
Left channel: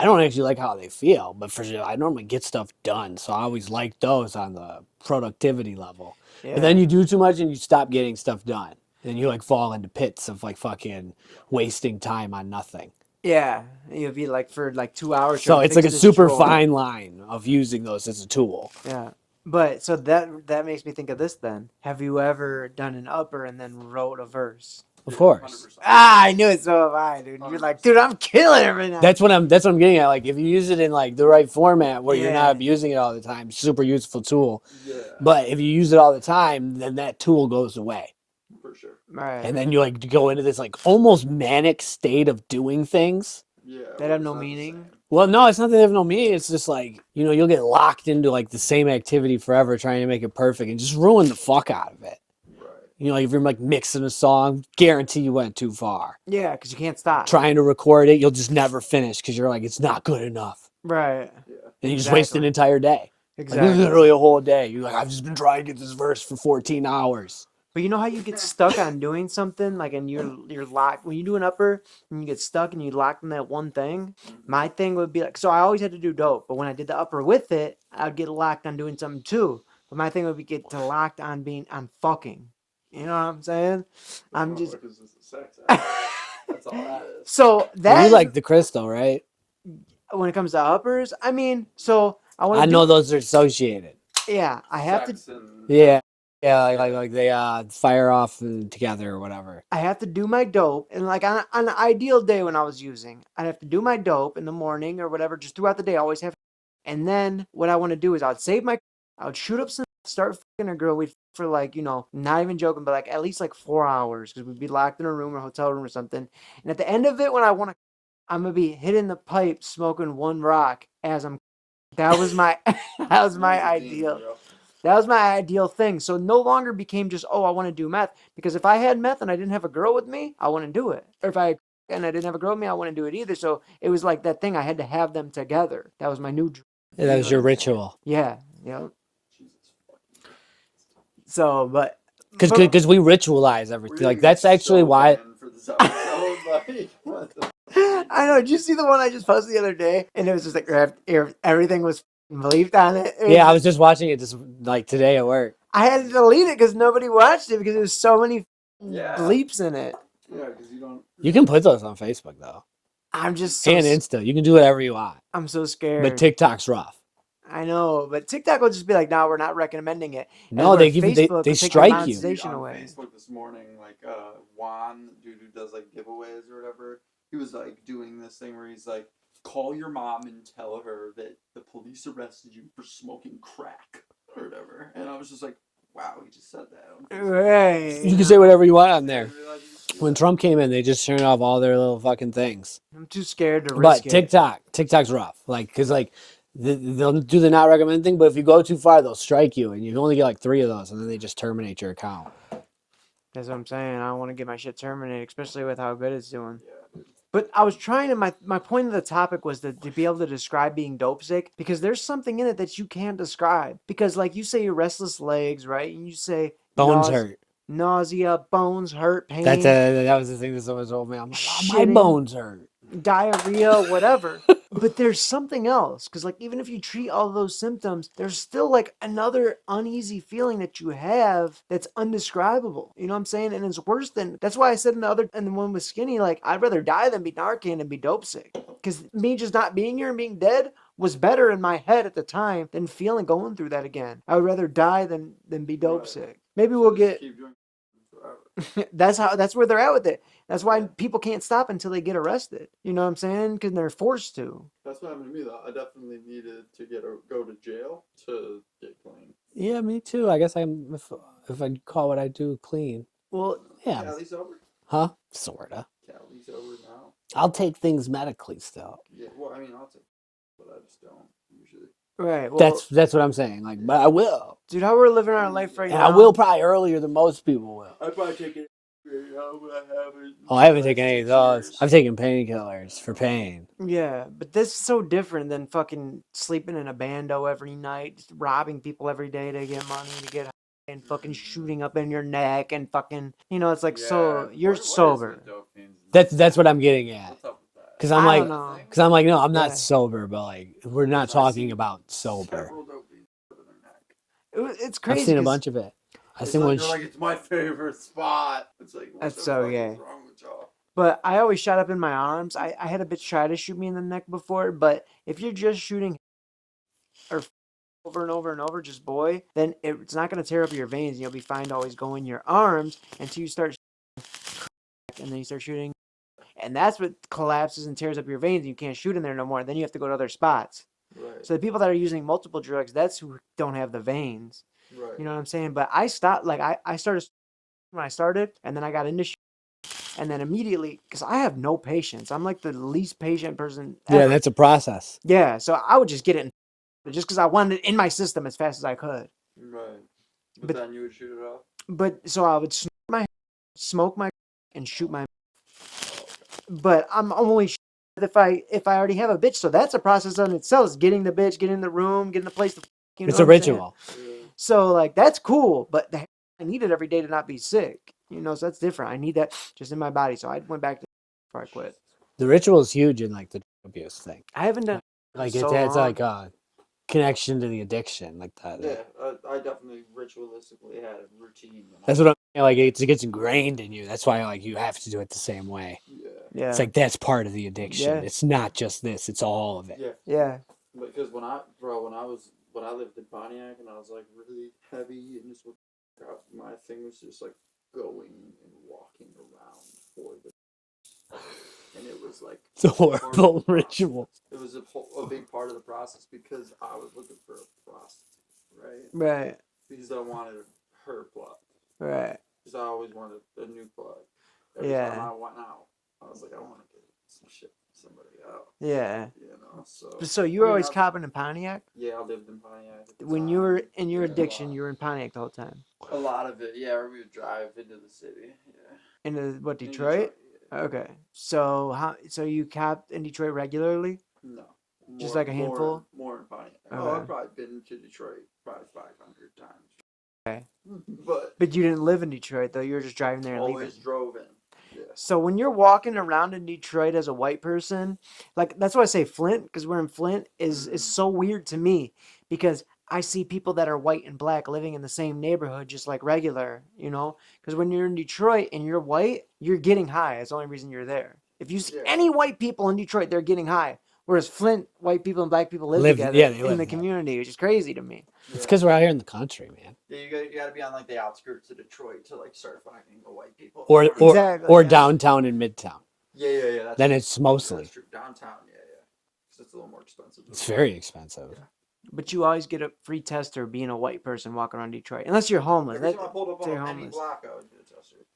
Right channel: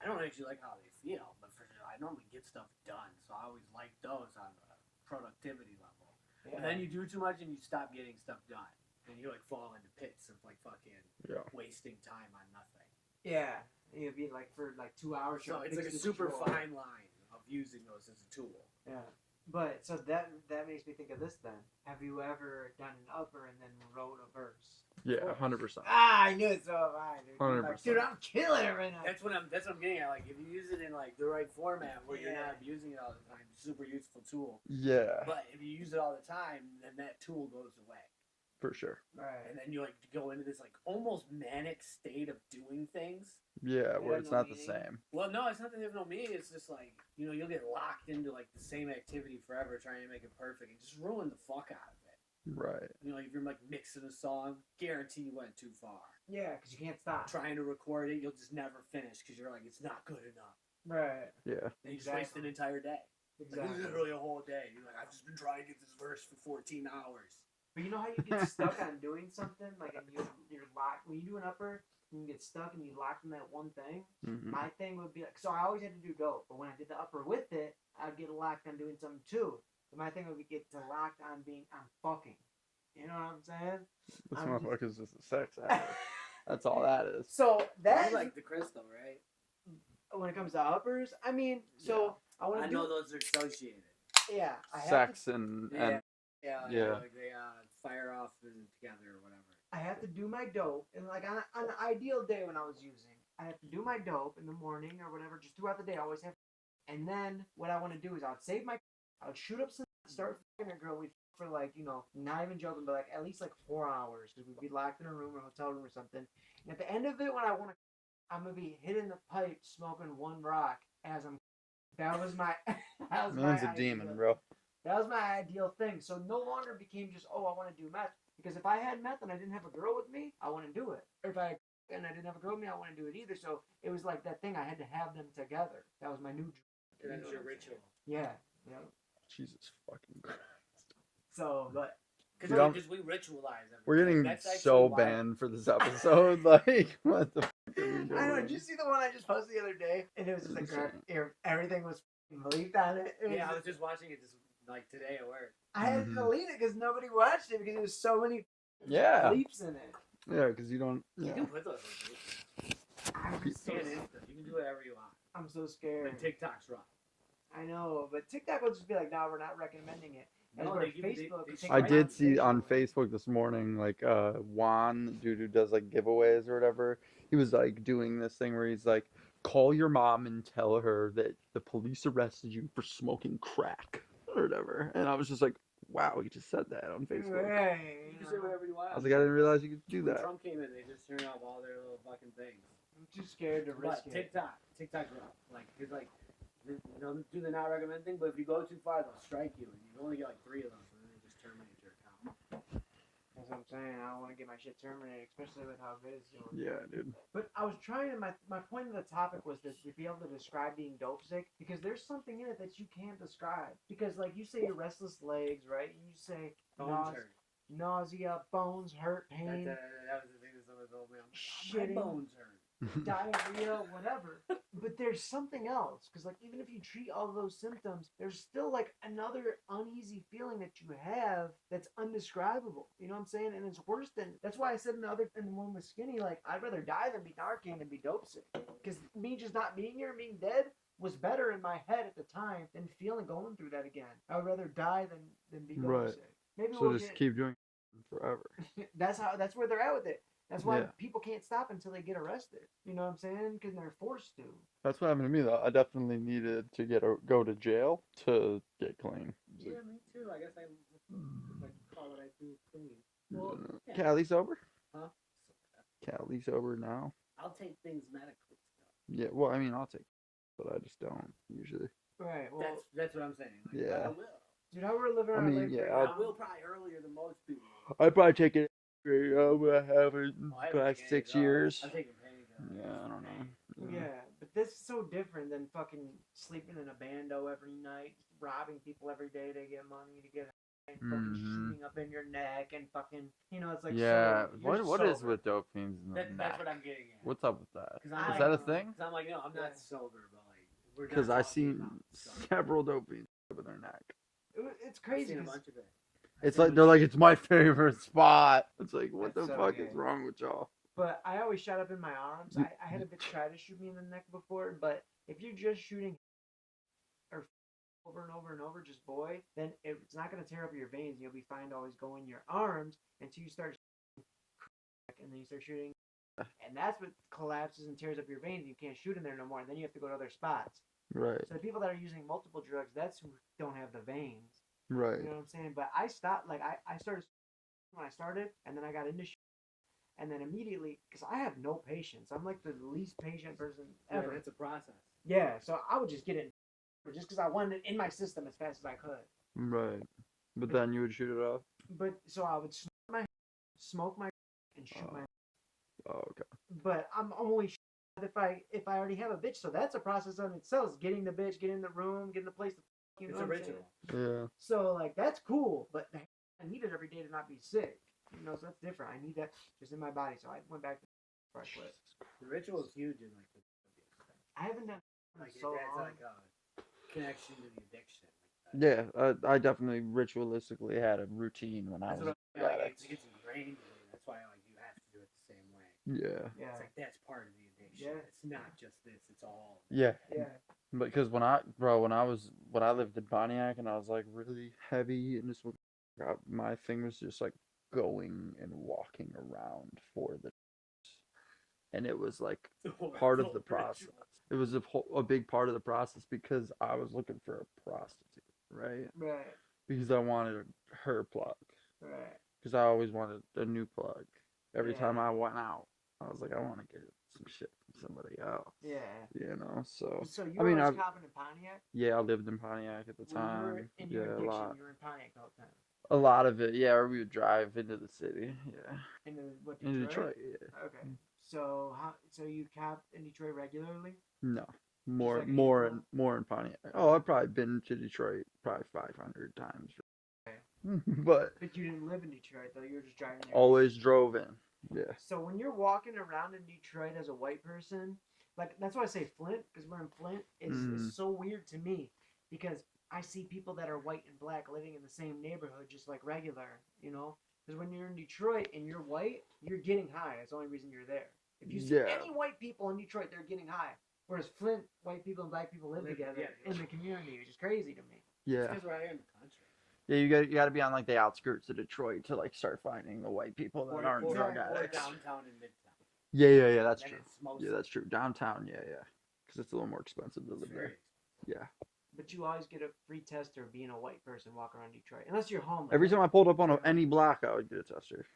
don't actually like how they feel, but for sure I normally get stuff done, so I always like those on the productivity level. Yeah. But then you do too much and you stop getting stuff done, and you like fall into pits of like fucking wasting time on nothing. Yeah, you'll be like for like 2 hours. So trying to it's like a fix this super drawer. fine line of using those as a tool. Yeah, but so that makes me think of this. Then, have you ever done an upper and then wrote a verse? Of course. 100%. Ah, I knew it. So have I, dude. You're like, dude, I'm killing it right now. That's what I'm getting at. Like if you use it in like the right format where you're Yeah. not abusing it all the time, super useful tool. Yeah, But if you use it all the time, then that tool goes away. for sure. Right. And then you like go into this like almost manic state of doing things. Yeah, That where have it's no not the meaning? same. Well, no, it's not that they have no meaning. It's just like, you know, you'll get locked into like the same activity forever trying to make it perfect and just ruin the fuck out of it. Right. You know, if you're like mixing a song, guarantee you went too far. Yeah, because you can't stop. Trying to record it, you'll just never finish because you're like, it's not good enough. Right. Yeah. And you just waste an Exactly. entire day. Like Exactly. literally a whole day. You're like, I've just been trying to get this verse for 14 hours. But you know how you get stuck on doing something, like, and you're locked when you do an upper and you get stuck and you locked in that one thing. Mhm. My thing would be like, so I always had to do dope, but when I did the upper with it, I'd get locked on doing something too. But my thing would be get to locked on being on fucking. You know what I'm saying? This I'm just- motherfucker's just a sex act. That's all that is. So that You like the crystal, right? when it comes to uppers, I mean, so I want I to know those are associated. Yeah, I have Sex to. and Yeah. Yeah, Yeah. like they fire off together or whatever. I have to do my dope, and like on an ideal day when I was using, I'd have to do my dope in the morning or whatever, just throughout the day. I always have, and then what I want to do is I'd save my, I would shoot up some, start fucking a girl. We'd f- for like not even joking, but like at least like 4 hours because we'd be locked in a room or hotel room or something. And at the end of it, when I want to, I'm gonna be hitting the pipe, smoking one rock as I'm. That was my, that was my Man's a demon, ideal. bro. That was my ideal thing. So no longer became just, oh, I want to do meth. Because if I had meth and I didn't have a girl with me, I wouldn't do it. Or if I and I didn't have a girl with me, I wouldn't do it either. So it was like that thing. I had to have them together. That was my new dream. Yeah, that was your ritual. Yeah. Yeah. Jesus fucking Christ. So, but Because we ritualize We're everything. getting Like that's actually so why. banned for this episode. Like, what the? I know. Did you see the one I just posted the other day? And it was just like everything was bleeped on it. It Yeah, I was- was just watching it just like today at work. I had to delete it because nobody watched it because there was so many Yeah. bleeps in it. Yeah, because you don't. You can put those on Facebook though, I'm just so and Insta. You can do whatever you want. I'm so scared. But TikTok's rough. I know, but TikTok will just be like, "No, we're not recommending it." No, where they give you- they Facebook will take the strike you. I did see monetization on away. Facebook this morning, like Juan, the dude who does like giveaways or whatever. He was like doing this thing where he's like, call your mom and tell her that the police arrested you for smoking crack or whatever. And I was just like, wow, he just said that on Facebook. Right. You can say whatever you want on Yeah, I there. didn't realize you could do When that. Trump came in, they just turned off all their little fucking things. I'm too scared to But risk it. TikTok's rough. Like, because like they'll do the not recommend thing, but if you go too far, they'll strike you, and you only get like 3 of those, and then they just terminate your account. That's what I'm saying. I don't want to get my shit terminated, especially with how good it's doing. Yeah, dude. But I was trying to. My point of the topic was to be able to describe being dope sick because there's something in it that you can't describe. Because like you say, your restless legs, right? And you say Bones hurt. nausea, bones hurt, pain, That was the thing that someone told me. I'm like, oh, my Shitting. bones hurt. diarrhea, whatever. But there's something else because like even if you treat all those symptoms, there's still like another uneasy feeling that you have that's undescribable. You know what I'm saying? And it's worse than that's why I said in the one with Skinny, like I'd rather die than be Narcan and be dope sick. Because me just not being here and being dead was better in my head at the time than going through that again. I would rather die than be dope Right. sick. Maybe So we'll just get keep doing it forever. that's where they're at with it. That's why Yeah. people can't stop until they get arrested. You know what I'm saying? Because they're forced to. That's what happened to me though. I definitely needed to go to jail to get clean. Yeah, me too. I guess if I call what I do clean. Well, Yeah. Cali sober? Huh? Sorta. Cali sober now? I'll take things medically still. Yeah, well, I mean, I'll take, but I just don't usually. right. Well, That's what I'm saying. Like, but Yeah. I will. dude, how we're living our mean, life yeah. right And now. I will probably earlier than most people will. I'd probably take it. I Oh, I haven't taken any of those. I've taken painkillers for No. pain. Yeah, but this is so different than fucking sleeping in a bando every night, just robbing people every day to get money to get high, and fucking Mhm. shooting up in your neck and fucking, it's like Yeah. so you're What is sober. with dope fiends and That's what I'm getting at. What's up with that? 'Cause I'm I like- don't Is that a know. thing? Because I'm like, no, I'm not Yeah. sober, but like, we're not 'Cause I've talking seen about sober. Several dope fiends in their neck. It's crazy. I've seen a 'cause- bunch of it. I've It's seen like, one. they're like, it's my favorite spot. It's like, what That's the so fuck gay. is wrong with y'all? But I always shot up in my arms. I had a bitch try to shoot me in the neck before, but if you're just shooting or over and over and over, just boy, then it's not going to tear up your veins. You'll be fine to always go in your arms until you start and then you start shooting. And that's what collapses and tears up your veins. And you can't shoot in there no more. Then you have to go to other spots. Right. So the people that are using multiple drugs, that's who don't have the veins. Right. You know what I'm saying? But I stopped, like, I started when I started, and then I got into and then immediately, because I have no patience. I'm like the least patient person Yeah, ever. that's a process. Yeah, so I would just get it just because I wanted it in my system as fast as I could. Right. But But- then you would shoot it off. But so I would smoke my and shoot my. Oh, okay. But I'm only if I already have a bitch. So that's a process on itself. Is getting the bitch, getting in the room, getting the place to. You know It's a what I'm saying? ritual. Yeah. So like that's cool, but I need it every day to not be sick. So that's different. I need that just in my body. So I went back to before I quit. The ritual is huge in like the drug abuse thing. I haven't done Like so it's long. like a connection to the addiction, like that. Yeah, I definitely ritualistically had a routine when That's I. what I'm saying. Like it gets ingrained in you. That's why like you have to do it the same way. Yeah. Yeah. It's like that's part of the addiction. Yeah. It's not just this. It's all of it. Yeah. Yeah. Because when I lived in Pontiac and I was like really heavy and just my thing was just like going and walking around for the. And it was like It's a part of the horrible process. ritual. It was a big part of the process because I was looking for a prostitute, right? Right. Because I wanted her plug. Right. Because I always wanted a new plug. Every Yeah. time I went out, I was like, I want to get some shit from somebody out. Yeah. You know, so. So you I were mean, always I've- copping in Pontiac? Yeah, I lived in Pontiac at the When time. you were in your Yeah, a addiction, lot. you were in Pontiac the whole time. A lot of it, yeah. Or we would drive into the city, yeah. In what, In Detroit? yeah. Okay. So so you copped in Detroit regularly? No, Just like a handful? more in Pontiac. Oh, Okay. I've probably been to Detroit probably 500 times. Okay. But But you didn't live in Detroit though. You were just driving there. And leaving. always drove in. Yeah. So when you're walking around in Detroit as a white person, like that's why I say Flint, because we're in Flint, is so weird to me because I see people that are white and black living in the same neighborhood just like regular, you know? Because when you're in Detroit and you're white, you're getting high. It's the only reason you're there. If you see Yeah. any white people in Detroit, they're getting high. Whereas Flint, white people and black people live Live- together yeah, they in live the together. community, which is crazy to me. Yeah. It's because we're out here in the country, man. Yeah, you got to be on like the outskirts of Detroit to like start finding the white people. that Or aren't or, Exactly, or yeah. downtown and midtown. Yeah. That's Then true. it's Yeah, mostly. that's true. Downtown, yeah. Because it's a little more expensive. It's very expensive. Yeah. But you always get a free tester being a white person walking around Detroit, unless you're homeless. Every That- time I pulled up on Stay any homeless. block, I would get a tester.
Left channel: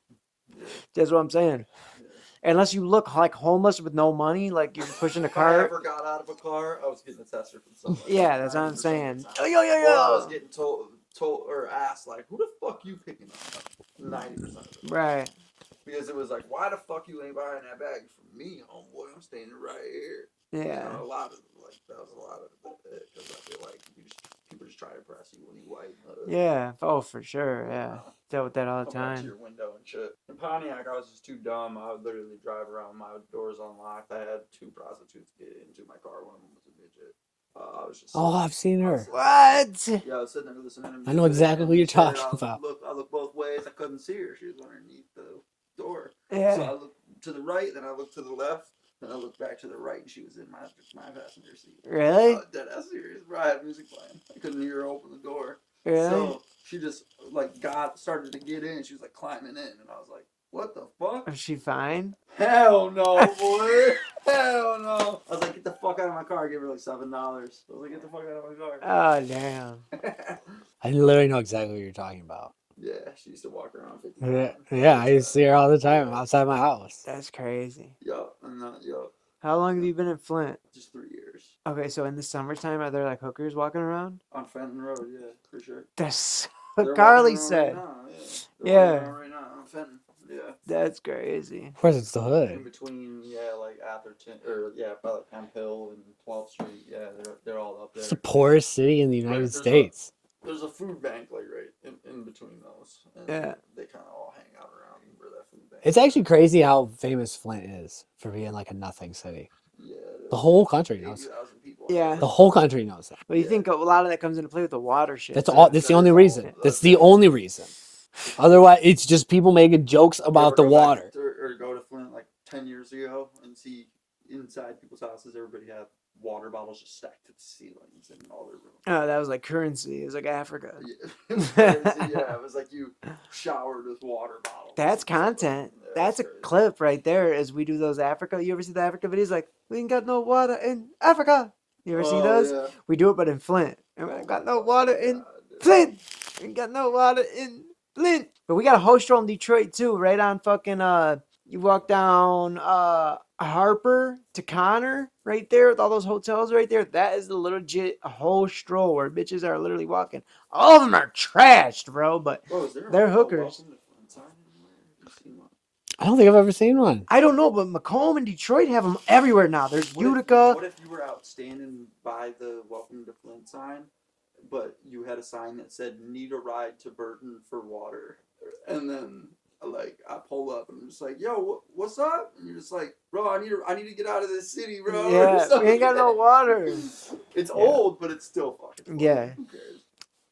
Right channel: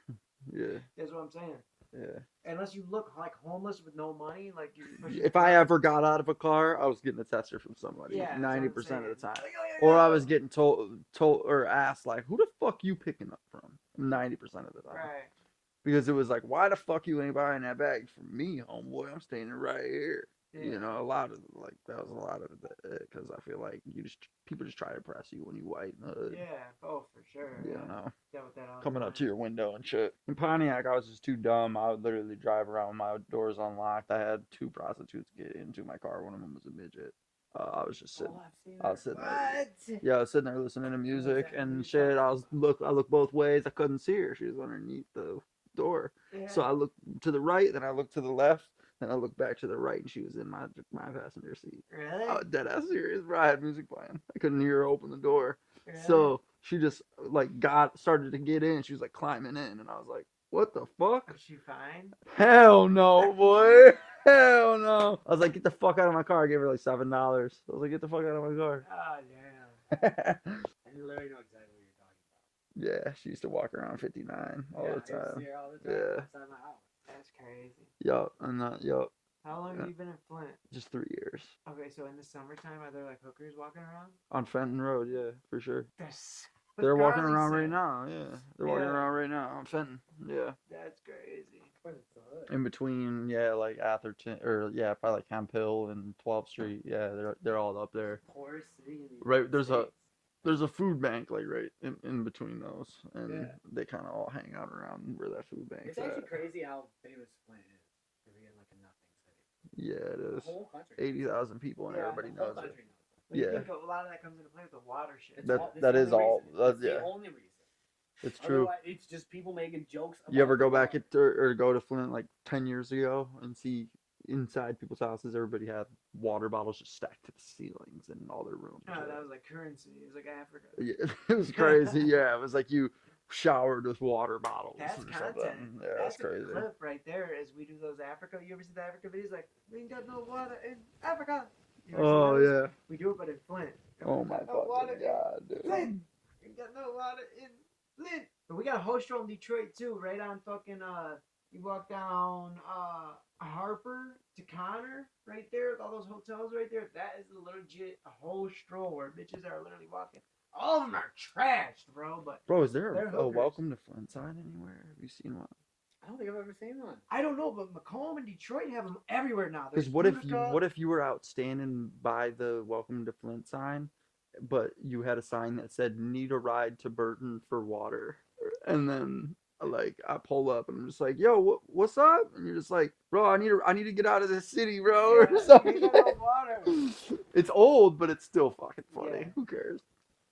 Yeah. That's what I'm saying. Yeah. Unless you look like homeless with no money, like you're pushing a If car. I ever got out of a car, I was getting a tester from somebody. Yeah, that's what I'm 90% of the saying. time. Yo. Or I was getting told or asked like, "Who the fuck you picking up from?" 90% of the time. Right. Because it was like, "Why the fuck you ain't buying that bag for me, homeboy? I'm standing right here." Yeah. You know, a lot of like that was a lot of it because I feel like people just try to press you when you white. Yeah. Oh, for sure. You Yeah. know, Dealt with that all the coming out to time. your window and shit. In Pontiac, I was just too dumb. I would literally drive around with my doors unlocked. I had 2 prostitutes get into my car. One of them was a midget. I was just Oh, I've seen I her. was sitting What? Yeah, I was sitting there listening to music. know exactly and who you're shit. talking I about. I looked both ways. I couldn't see her. She was underneath the door. Yeah. So I looked to the right, then I looked to the left, then I looked back to the right, and she was in my passenger seat. Really? Dead ass serious, bro. I had music playing. I couldn't hear her open the door. Really? So she just like started to get in. She was like climbing in, and I was like, "What the fuck? Is she fine? Hell no, boy! Hell no!" I was like, "Get the fuck out of my car!" I gave her like $7. I was like, "Get the fuck out of my car!" Oh, damn. I literally know exactly what you're talking about. Yeah, she used to walk around 59. Yeah, I used to see her all the time Yeah. outside my house. That's crazy. Yo, How long have you been in Flint? just 3 years Okay, so in the summertime, are there like hookers walking around? on Fenton Road. Yeah, for sure. That's They're what walking Carly around said. right now. Yeah, they're Yeah. walking around right now on Fenton. Yeah, That's crazy. Of course, it's the in hood. between, yeah, like Atherton or yeah, probably like Hemp Hill and 12th Street. Yeah, they're all up there. It's the poorest city in the Right, United there's States. There's a food bank like right in between those, and Yeah. they kind of all hang out around where that food bank. It's is actually at. crazy how famous Flint is for being like a nothing city. Yeah, it is. The whole country knows that. 80,000 people. in Yeah. it. The whole country knows that. But you Yeah. think a lot of that comes into play with the water shit. That's That- all. That's that the only is all- reason. that's- That's the yeah. only reason. It's true. Otherwise, it's just people making jokes You about ever the go back water. or go to Flint like 10 years ago and see inside people's houses, everybody had water bottles just stacked to the ceilings in all their rooms. Oh, that was like currency. It was like Africa. Yeah, it was crazy. Yeah, it was like you showered with water bottles. That's and stuff. content. Yeah, That's a crazy. clip right there as we do those Africa. You ever see the Africa videos? Like, we ain't got no water in Africa. You ever see Oh, those? yeah. We do it, but in Flint. And we Oh ain't got my no fucking water in God, dude. Flint. We ain't got no water in Flint. But we got a hostel in Detroit too, right on fucking you walk down Harper to Connor right there with all those hotels right there. That is the legit whole stroll where bitches are literally walking. All of them are trashed, bro. But Bro, is there They're a hookers. welcome to Flint sign anywhere? Have you seen one? I don't think I've ever seen one. I don't know, but Macomb and Detroit have them everywhere now. There's What if, Utica. what if you were out standing by the welcome to Flint sign, but you had a sign that said "Need a ride to Burton for water," and then like I pull up and I'm just like, "Yo, what's up?" And you're just like, "Bro, I need to get out of this city, bro." or Yeah, we ain't got no something. water. It's old, but it's still fucking funny. Yeah. Who cares?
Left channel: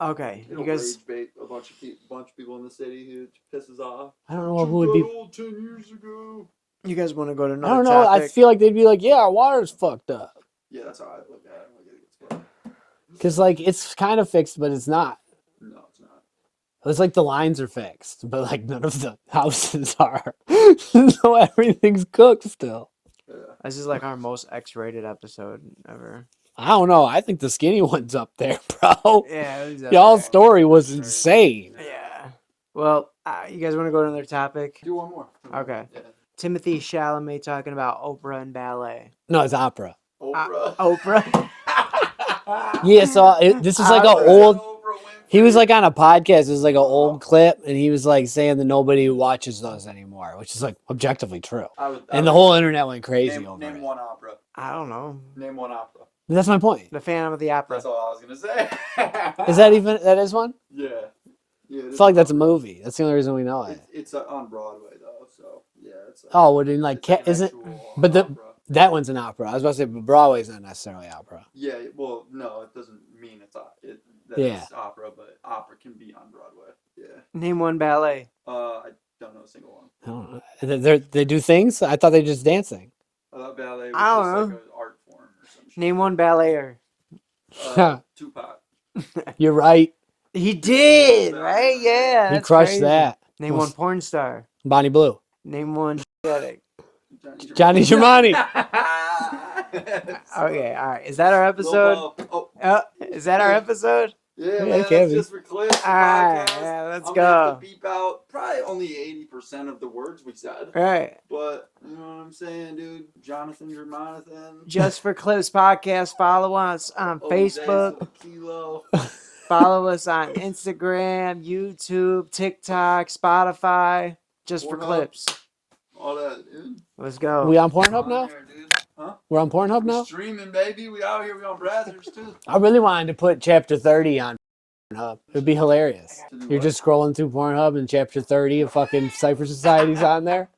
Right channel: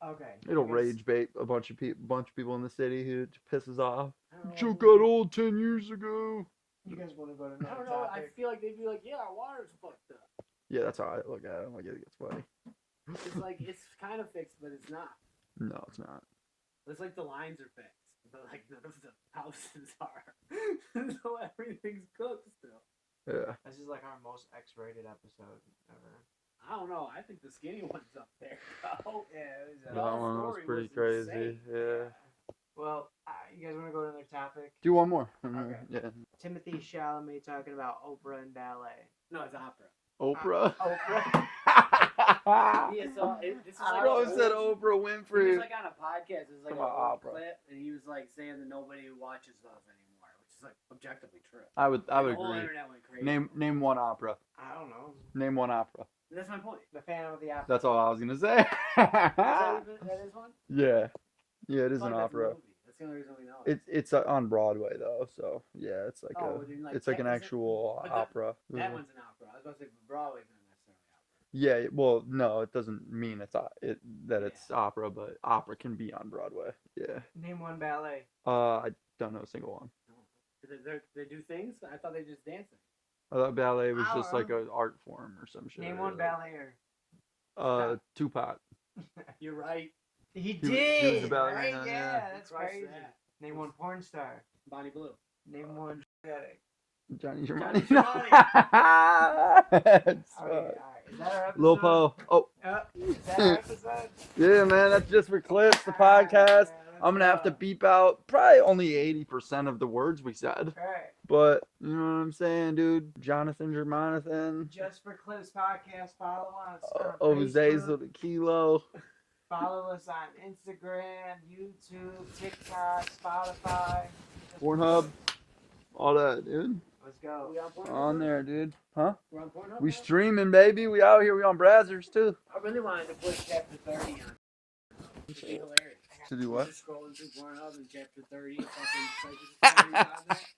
Okay, It'll you guys, rage bait a bunch of people in the city who pisses off. I don't know You who would got be. old 10 years ago. you guys want to go to I another don't know. I topic? feel like they'd be like, "Yeah, our water's fucked up," Yeah, that's how I look at it. I'm like, it gets funny. because like it's kind of fixed, but it's not. No, it's not. It's like the lines are fixed, but like none of the houses are. So everything's cooked still. Yeah. This is like our most X-rated episode ever. I don't know. I think the skinny one's up there, bro. Yeah, it was Y'all's up story Pretty was crazy. insane. there. Yeah. Well, You guys want to go to another topic? Do one more. Okay. Yeah. Timothy Chalamet talking about Oprah and ballet. No, it's opera. Oprah. Oprah. Yeah, so this is like I an was old. Oprah Winfrey. He was like on a podcast. It was like an old clip, and he was like saying that nobody watches those anymore, which is like objectively true. And the whole internet went crazy over Name it. one opera. I don't know. Name one opera. That's my point. The Phantom of the Opera. That's all I was gonna say. Is that is one? Yeah. Yeah. I feel like that's a movie. That's the only reason we know it. It's on Broadway though, so yeah, it's like. Oh, well, then like, it's like an is it? actual But opera. that one's an opera. I was about to say, but Broadway's not necessarily opera. Yeah. Well, no, it doesn't mean it's it's opera, but opera can be on Broadway. Yeah. Name one ballet. I don't know a single one. I don't know. They do things. I thought they just dancing. I thought ballet was I just don't like know. an art form or some shit. Name one ballayer. Tupac. You're right. He did, Yeah, right? yeah. Yeah. He that's crushed crazy. that. Name one porn star. Bonnie Blue. Name one addict. Johnny Germani. Okay, all right. Is that our episode? Lil Ho. Oh, Is that our episode? yeah, man. Okay, That's just for clips. The All right, podcast. yeah, let's I'm gonna have go. to beep out probably only 80% of the words we said. Right. But you know what I'm saying, dude? Jonathan Germanathan. Just for Clips podcast. Follow us on Oh, days Facebook. of the kilo. Follow us on Instagram, YouTube, TikTok, Spotify. Just for Pornhub. Clips. All that, dude. Let's go. We on Pornhub On now? there, dude. Huh? We're on Pornhub We now? streaming, baby. We out here. We on Brazzers, too. I really wanted to put chapter 30 on Pornhub. It'd be hilarious. To do You're what? just scrolling through Pornhub and chapter 30 of fucking Cypher Society's on there.